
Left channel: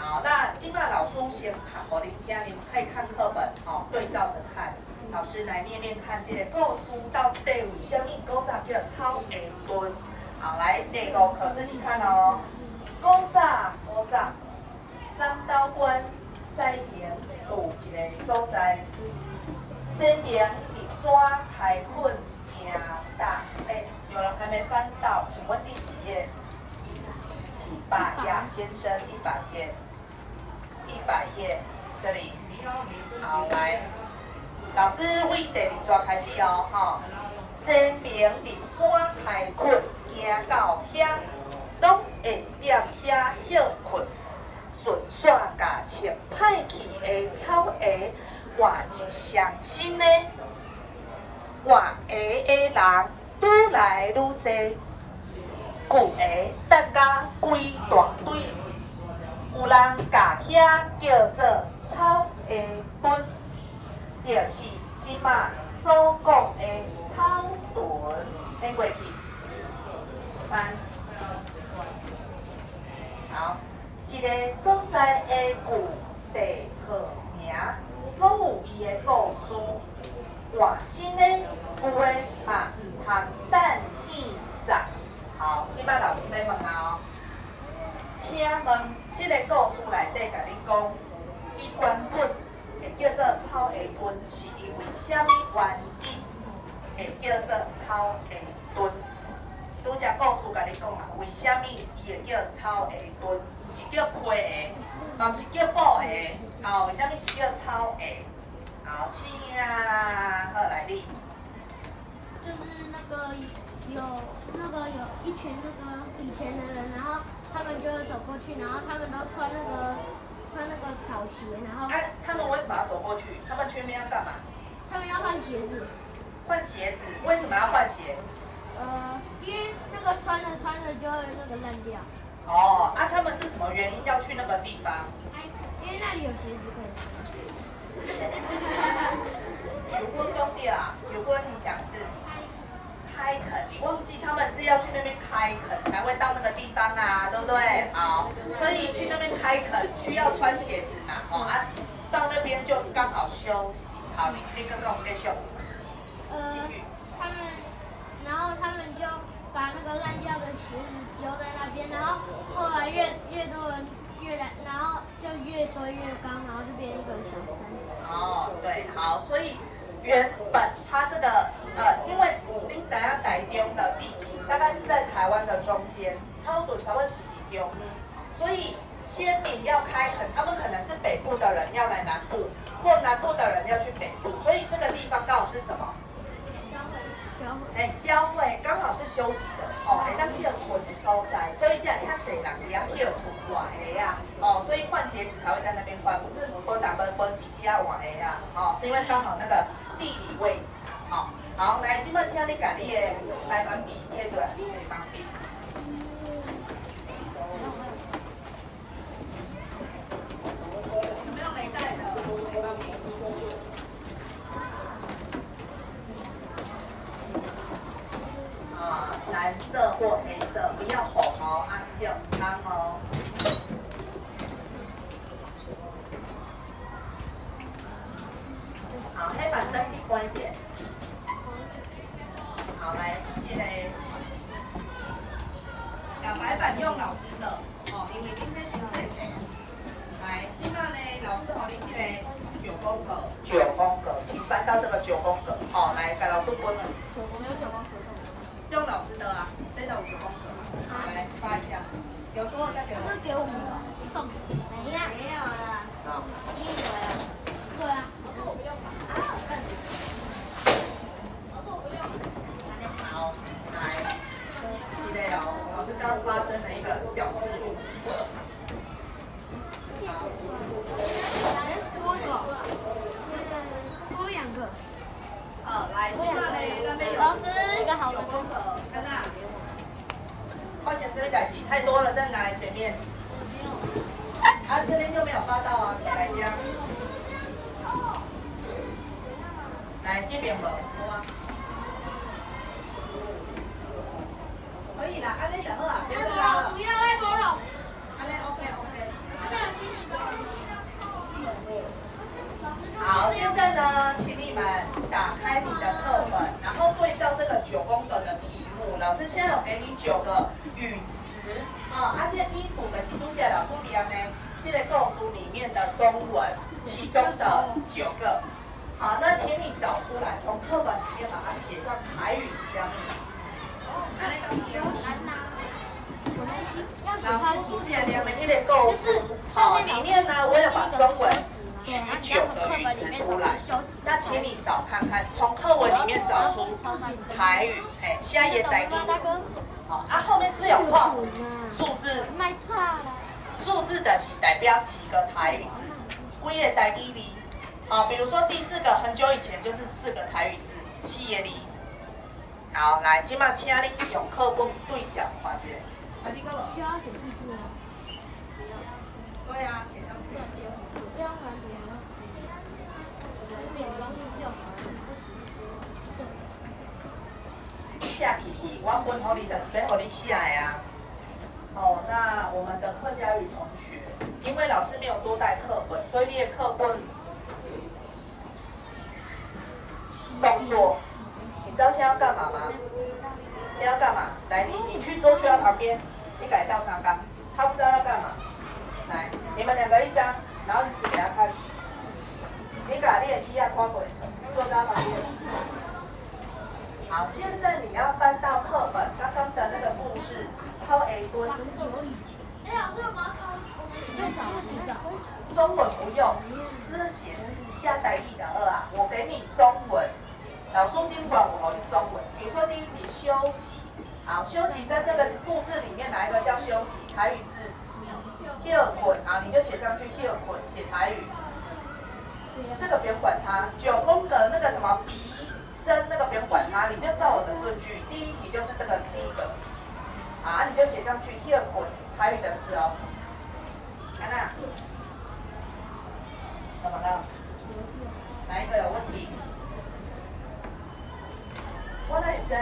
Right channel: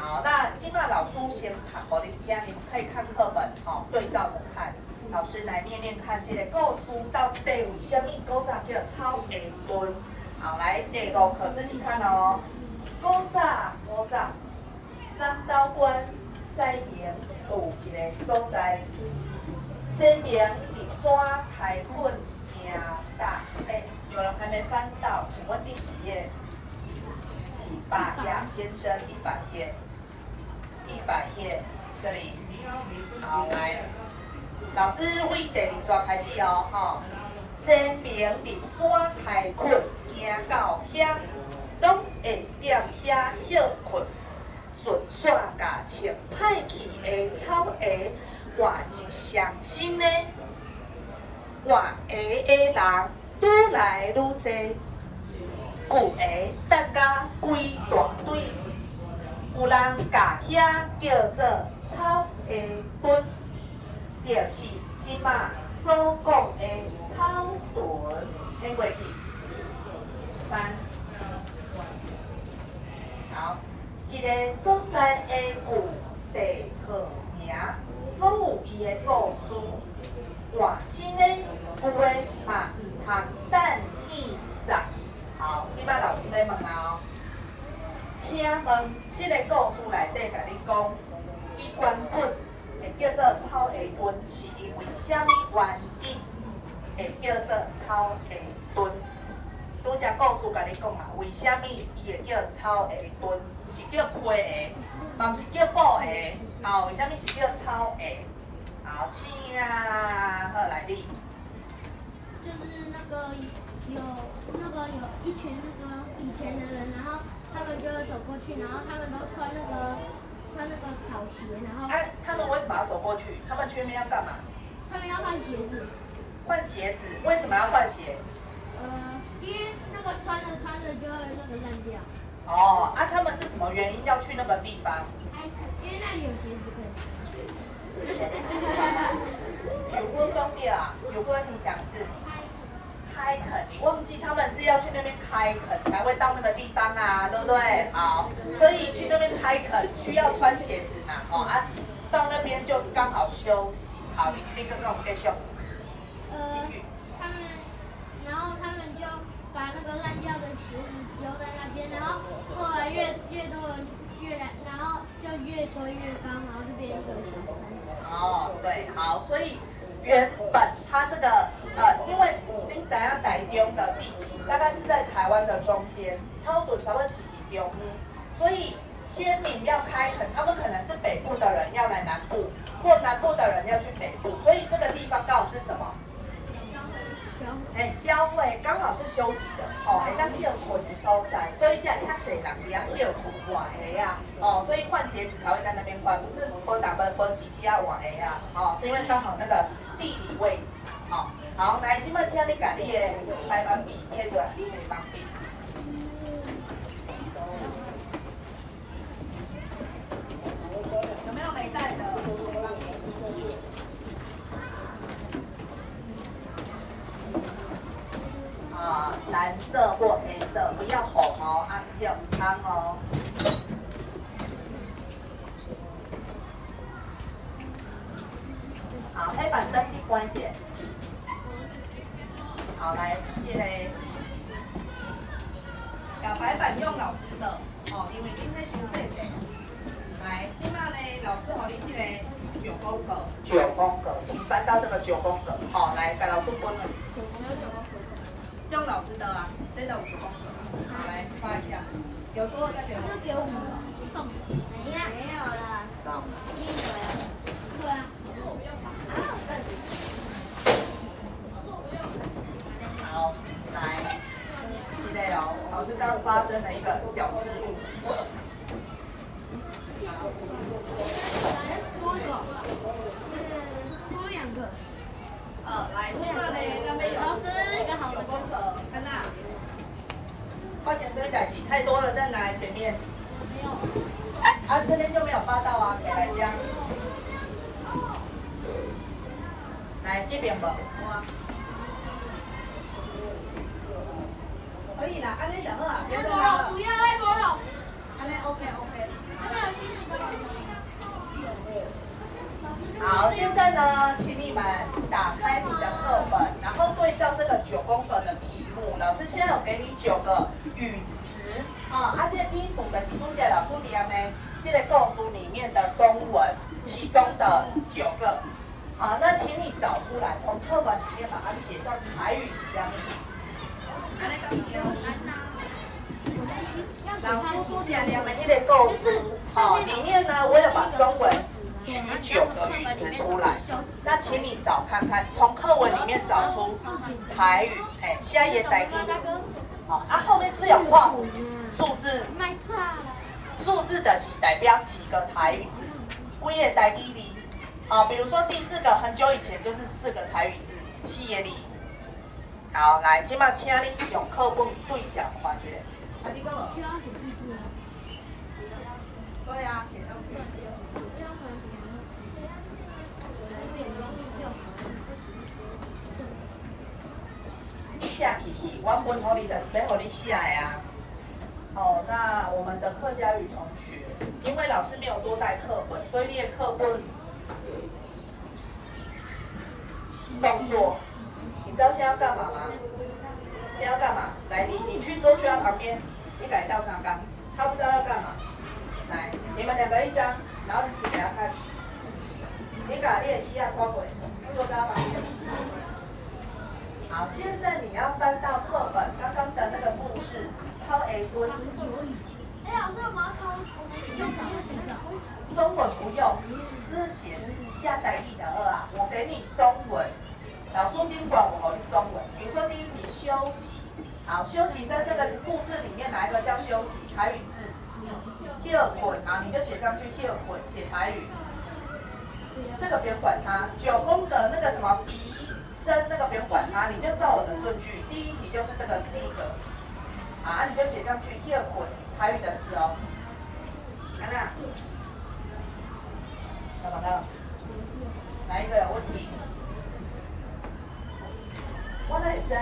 好，那今麦老师先看，我你听，你们可以看课本，对照着看。老师来念念看，这个故事到底为什么古早叫草屯？好，来第5课自己看哦。古早，南投县西边有一个所在，西边伫山开垦挺大。有人还没翻到，请问第几页？几百页，先生100页。100页，这里，好来，老师为第2段开始哦，西边伫山开垦，行到遐，拢会踮遐休困，顺线甲穿歹去的草鞋换一双新的，换鞋的人愈来愈多，旧鞋等甲规大堆。有人甲遐叫做草鞋屯，就是即马所讲的草屯。听过去，翻。好，一个所在的旧地号名，拢有伊的故事。换新的有诶嘛毋通等现上。好，即摆老师要问啊。请问，这个故事内底甲你讲，伊原本会叫做草鞋屯，是因为什么原因会叫做草鞋屯？拄只故事甲你讲啊，为什么伊会叫草鞋屯？毋是叫皮鞋，嘛毋是叫布鞋，为什么是叫草鞋？好，请啊，好来你。就是有一群以前的人，然后他们就会走过去，然后他们都穿那个草鞋，然后他们为什么要走过去？他们去那边要干嘛？他们要换鞋子。换鞋子？为什么要换鞋？因为那个穿着就会那个烂掉。他们是什么原因要去那个地方？因为那里有鞋子可以穿。有问兄弟啊，有问你讲字。开垦，你忘记他们是要去那边开垦才会到那个地方啊，对不对？好，所以去那边开垦需要穿鞋子嘛，到那边就刚好休息。好，你立刻跟我们继续。继续。然后他们就把那个烂掉的鞋子丢在那边，然后后来越多人然后就越堆越高，然后就变一个小山。对，好，所以原本它这个因为你知影台中的地形大概是在台湾的中间，草屯差不多是伫中央，所以先民要开垦，他们可能是北部的人要来南部，或南部的人要去北部，所以这个地方刚好是什么？交汇刚好是休息的会当休困的所在，所以才会遐侪人伫遐休困换鞋啊，所以换鞋子才会在那边换，不是无几批换鞋啊，是因为刚好那个地理位置，好，来，今麦请你把你的白板笔贴出来，你的旁边。有没有没带的？白板笔。蓝色或黑色，不要红哦，暗色汤哦。好，黑板灯闭关一点。好，来，这个小白板用老师的哦，因为今天先生的。来，今麦呢，老师和你这个9宫格，9宫格，请翻到这个9宫格。好，来，给老师分了。用老师的啊，真的有9宫格啊。好，来发一下，有多少再给我。这给我们了，送。没有了，送。对啊。好，来，现在哦，老师刚发生了一个小事故。好，多一个，多2个。来，今麦呢，那边有老师9宫格，看那。发现这个代志太多了，再拿来前面。啊，这边就没有发到啊，再来这样。来这边无，好啊。可以啦，安尼就好啊，不要再拉了。不要再播了。安尼 OK OK。真的有新的吗？好，现在呢，请你们打开你的课本，然后对照这个9宫格的题目。老师现在有给你9个语词，这批数的是拄则老师念的，这个故事里面的中文，其中的9个。好，那请你找出来，从课本里面把它写上台语是啥物？安尼咁对。老师拄则念的迄个故事，里面呢，我有把中文取9个语词出来。那请你找看看，从课文里面找出台语，下一页台语。好，后面是有画数字，数字的是代表几个台语字，几个台语字。好，比如说第4个，很久以前就是4个台语字，4个字。好，来，今麦请你用课本对角看一下。啊，你讲了？需要写字字吗？对啊，写上去。你写起去，我分给你就是要给你写的啊。哦，那我们的客家语同学，因为老师没有多带课本，所以你的课本动作，你知道现在要干嘛吗？现在要干嘛？来，你去桌学校旁边，你改到上纲，他不知道要干嘛。来，你们2个一张，然后你指给他看。你把你的一样看过，坐在他旁边。好，现在你要翻到课本刚刚的那个故事，抄 A 墩。老师，我们要抄，我们用找学找。中文不用，之前下载1的2啊，我给你中文。老师宾馆我好用中文，比如说第1题休息，好，休息在这个故事里面哪一个叫休息？台语字休困，好，你就写上去休困，写台语。这个不用管它，9宫格那个什么鼻声那个不用管它，你就照我的顺序。第1题就是这个第1个，好，你就写上去休困，台语的字哦。看哪？怎么了？哪一个有问题？我哪会知？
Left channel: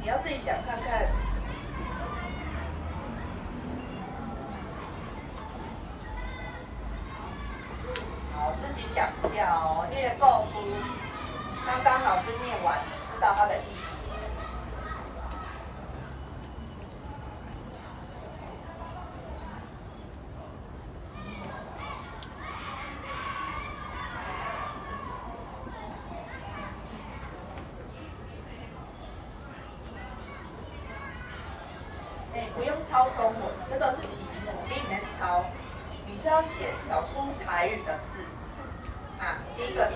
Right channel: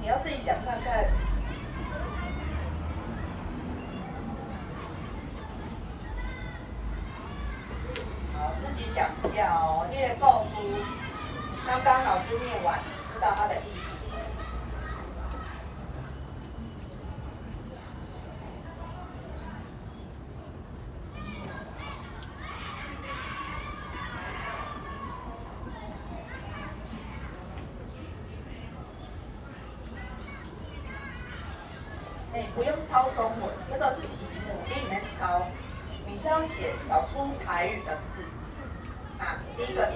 你要自己想看看。好，自己想一下哦。那个构书，刚刚老师念完，知道它的意思。不用抄中文，这个是题目，你里面抄，你是要写找出台语的字啊。第1个，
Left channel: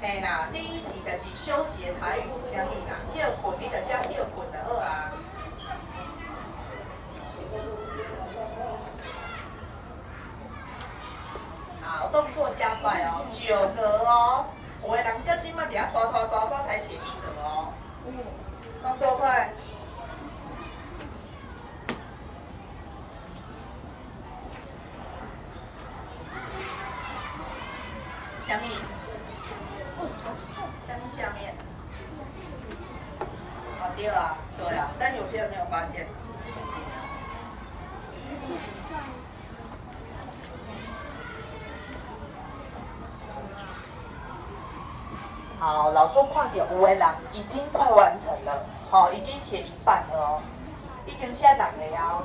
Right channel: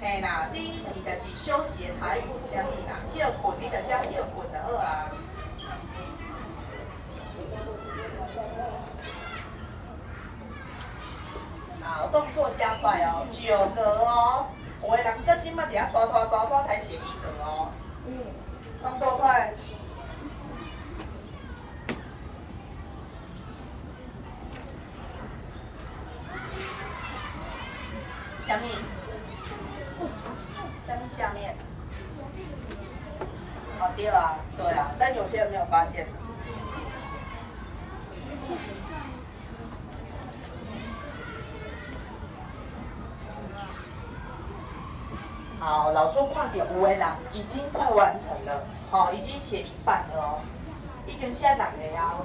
嘿啦，第1题的是休息的台语是啥物啦？休困，你就写休困就好啊。好，动作加快哦，9格哦。有的人到今麦底下拖拖刷刷才写1格哦。动作快。下面，下面，好，第对啊，对啊，但有些人没有发现。好，老师看点有的人已经快完成了，好，已经写一半了哦，已经写两个哦。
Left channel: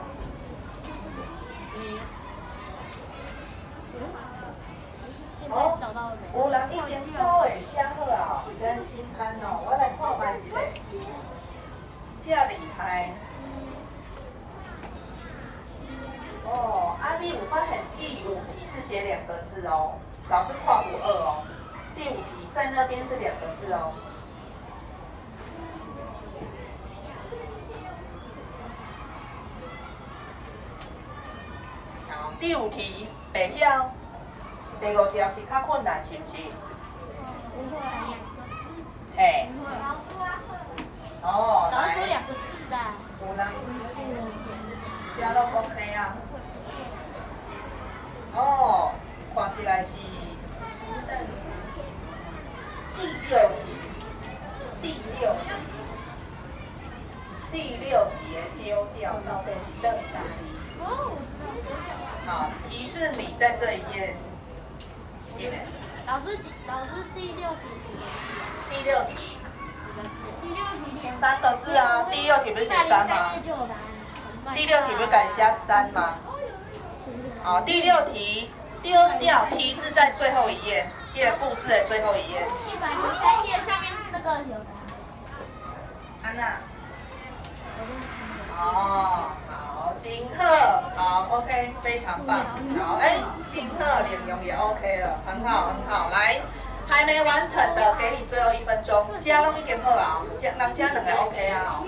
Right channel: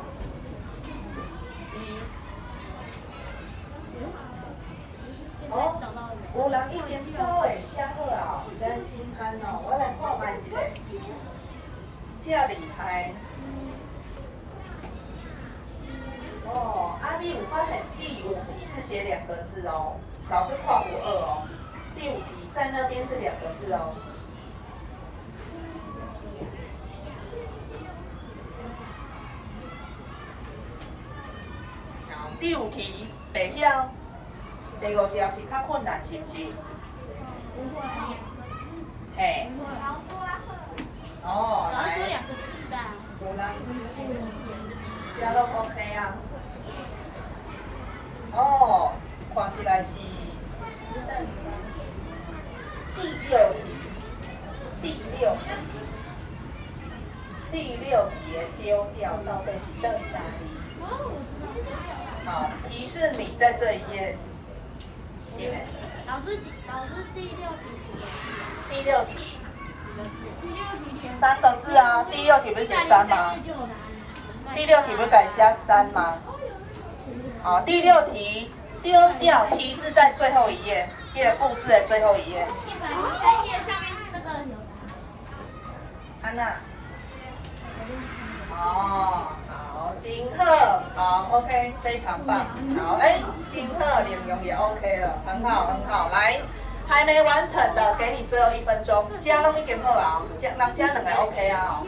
哦，有人已经都会写好啊，真心憨哦，我来看卖一个，这厉害。哦，啊，你有发现第五题是写2个字哦，老师看不2哦，第5题在那边是2个字哦。好，第5题会晓。第5条是较困难，是不是？不会。嘿。哦，老师来。2个字的。有人。加都 OK 啊。哦，看起来是第6题，第6题的丢掉到底是第3题？哦。好，提示你在这一页。老师第6题。第6题。3个字啊，第6题不是写3吗？第6题不是改写3吗？好，第6题丢掉提示在最后一页，这个故事的最后一页。在页上面那个有的。安娜。哦，好，金鹤，好 ，OK， 非常棒。好，哎，金鹤脸容也 OK 了，很好很好。来，还没完成的，给你最后1分钟。加弄一点好啊，加2个 OK 啊。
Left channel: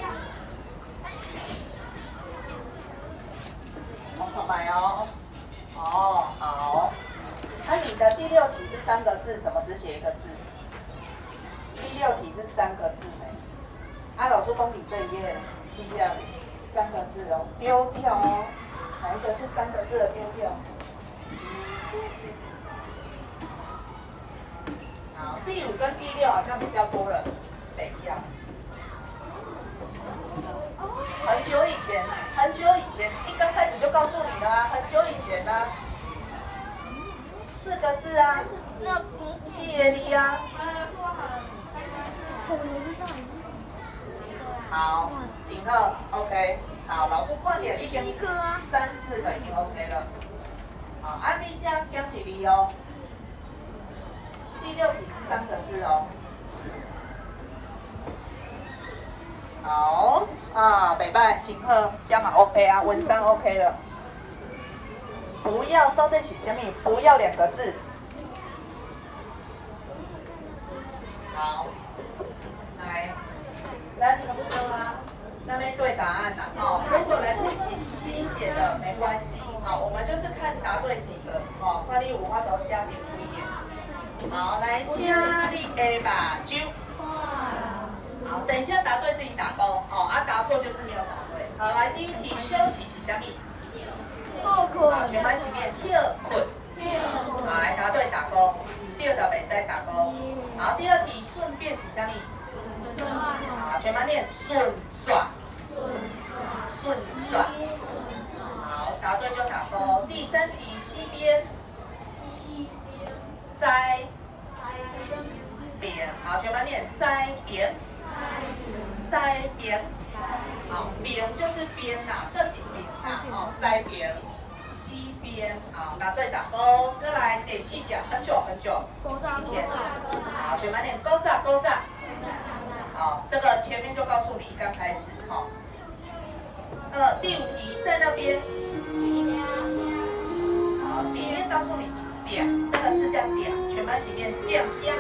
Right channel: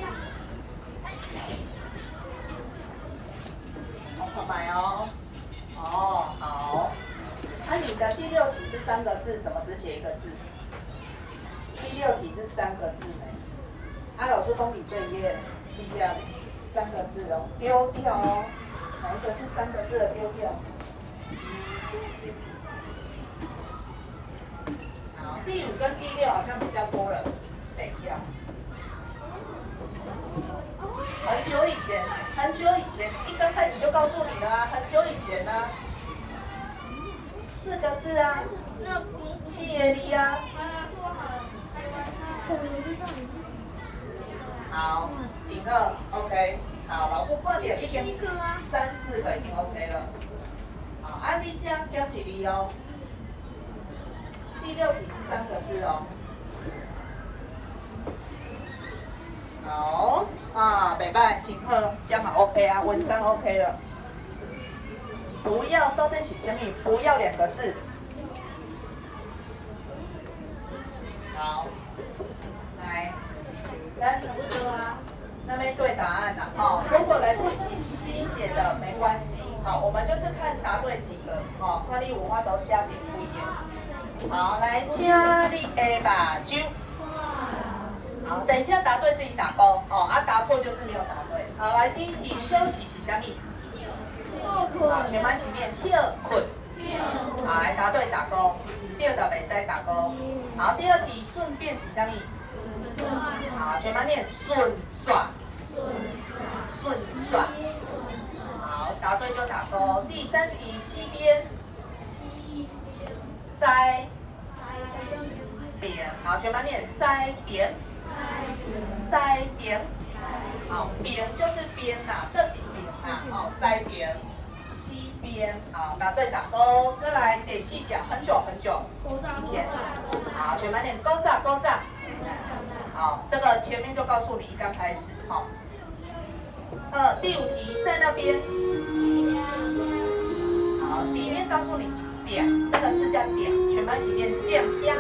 来哦。哦，好。那你的第6题是3个字，怎么只写1个字？第6题是3个字呢。啊，老师公你这一页是这样，3个字哦，丢掉哦。哪一个是3个字的丢掉？好，第5跟第6好像比较多人，等一下。很久以前，一刚开始就告诉你啦，很久以前呢、4个字啊，谢你啊。好，景鹤 OK， 好，老师快点，已经3、4个已经 OK 了。好，安利江标几例哦。第6题是3个字哦。好啊，北拜景鹤加码 OK 啊，文章 OK 了。不要到底是什么？不要2个字。好，来。来，差不多啊，那边对答案啦。好，如果来不及新写的没关系，好，我们就是看答对几个，好，看你5法都写点不一样。好，来，请你的目睭。好，等一下答对自己打勾，哦，啊，答错就是没有答对。好，来，第1题休息是什么？跳困。好，全班一起念跳困。好，来答对打勾，第2道袂使打勾。好，第2题顺便是什么？好，全班念顺算。好，答对就打勾。第3题西边。塞边。好，全班念塞边。好，边就是边呐，这几边呐，哦，塞边。西边，好，答对打勾。再来第4条，很久以前。好，全班念勾炸。好，这个前面就告诉你一刚开始，好。第5题在那边。好，里面告诉你点，这个字叫点，全班一起念点家。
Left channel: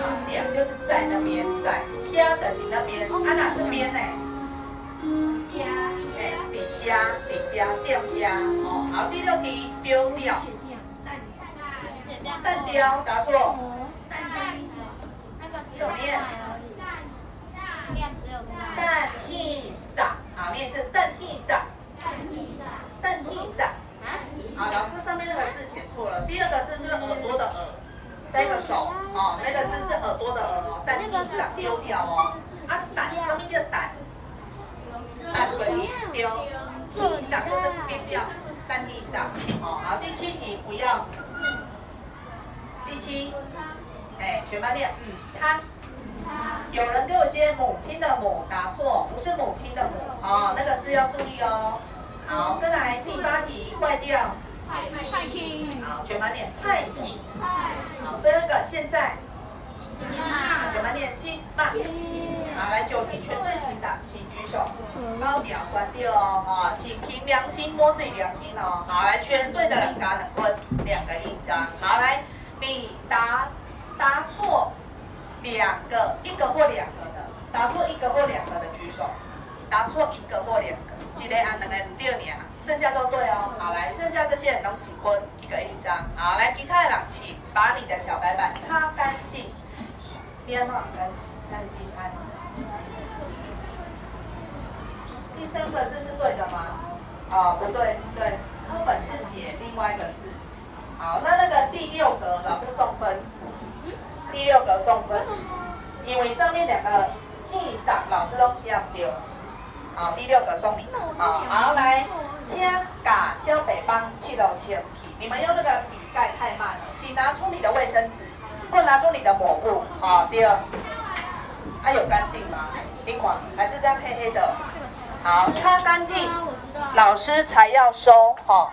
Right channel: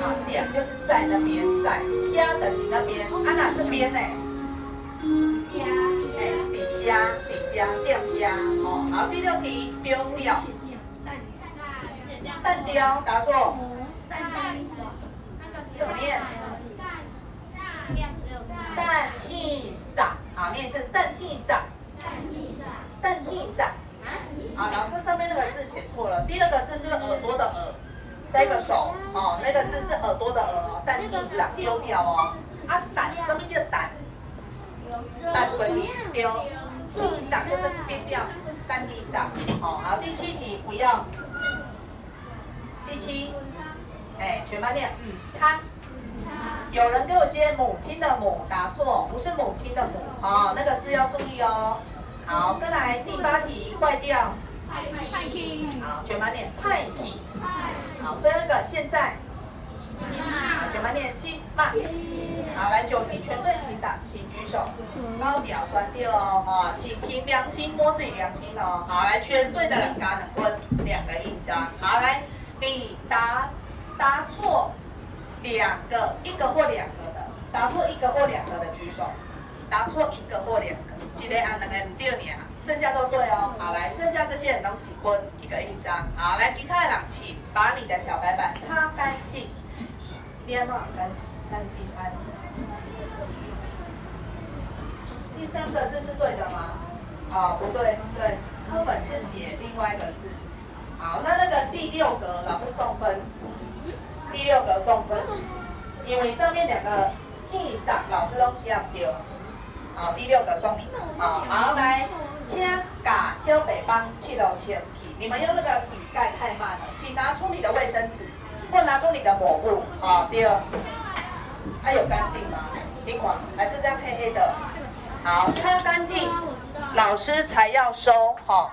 好，点就是在那边，在家的是那边，啊哪这边呢？家，比家，点家。好，好，第6题丢掉。蛋雕，答错。怎么念？蛋气撒，好，念成蛋气撒。好，老师上面那个字写错了，第2个字是耳朵的耳，再一个手。哦，那个字是耳朵的耳哦，三地上丢掉哦。啊，胆上面就胆，胆滚地丢，地上就是边掉，三地上。好，好，第七题不要。第七，哎，全班念，他。有人给我写母亲的母，答错，不是母亲的母，哦，那个字要注意哦。好，再来第八题，坏掉。派去。好，全班念派去。好，最后一个现在。全班念今嘛。好，来9题，全队请打，请举手。高调专调哦，啊，请凭良心摸自己良心哦。好，来全队的人打2分，2个印章。好，来你答错2个，1个或2个的，答错1个或2个的举手。答错1个或2个，一个按2个唔对尔，剩下都对哦。好，来，剩下这些人都几分，1个印章。好，来，其他的人请把你的小白板擦干净。你安怎干心安？第3个字是对的吗？哦，不对，对，课本是写另外一个字。好，那个第6格老师送分，第6格送分，因为上面2个地上老师都写不对。好，第6个送你的。好，来，请把小北帮记录清楚。你们用那个笔盖太慢了，请拿出你的卫生纸，或拿出你的抹布。好，第2，它有干净吗？你看，还是这样黑黑的。好，擦干净，老师才要收。好。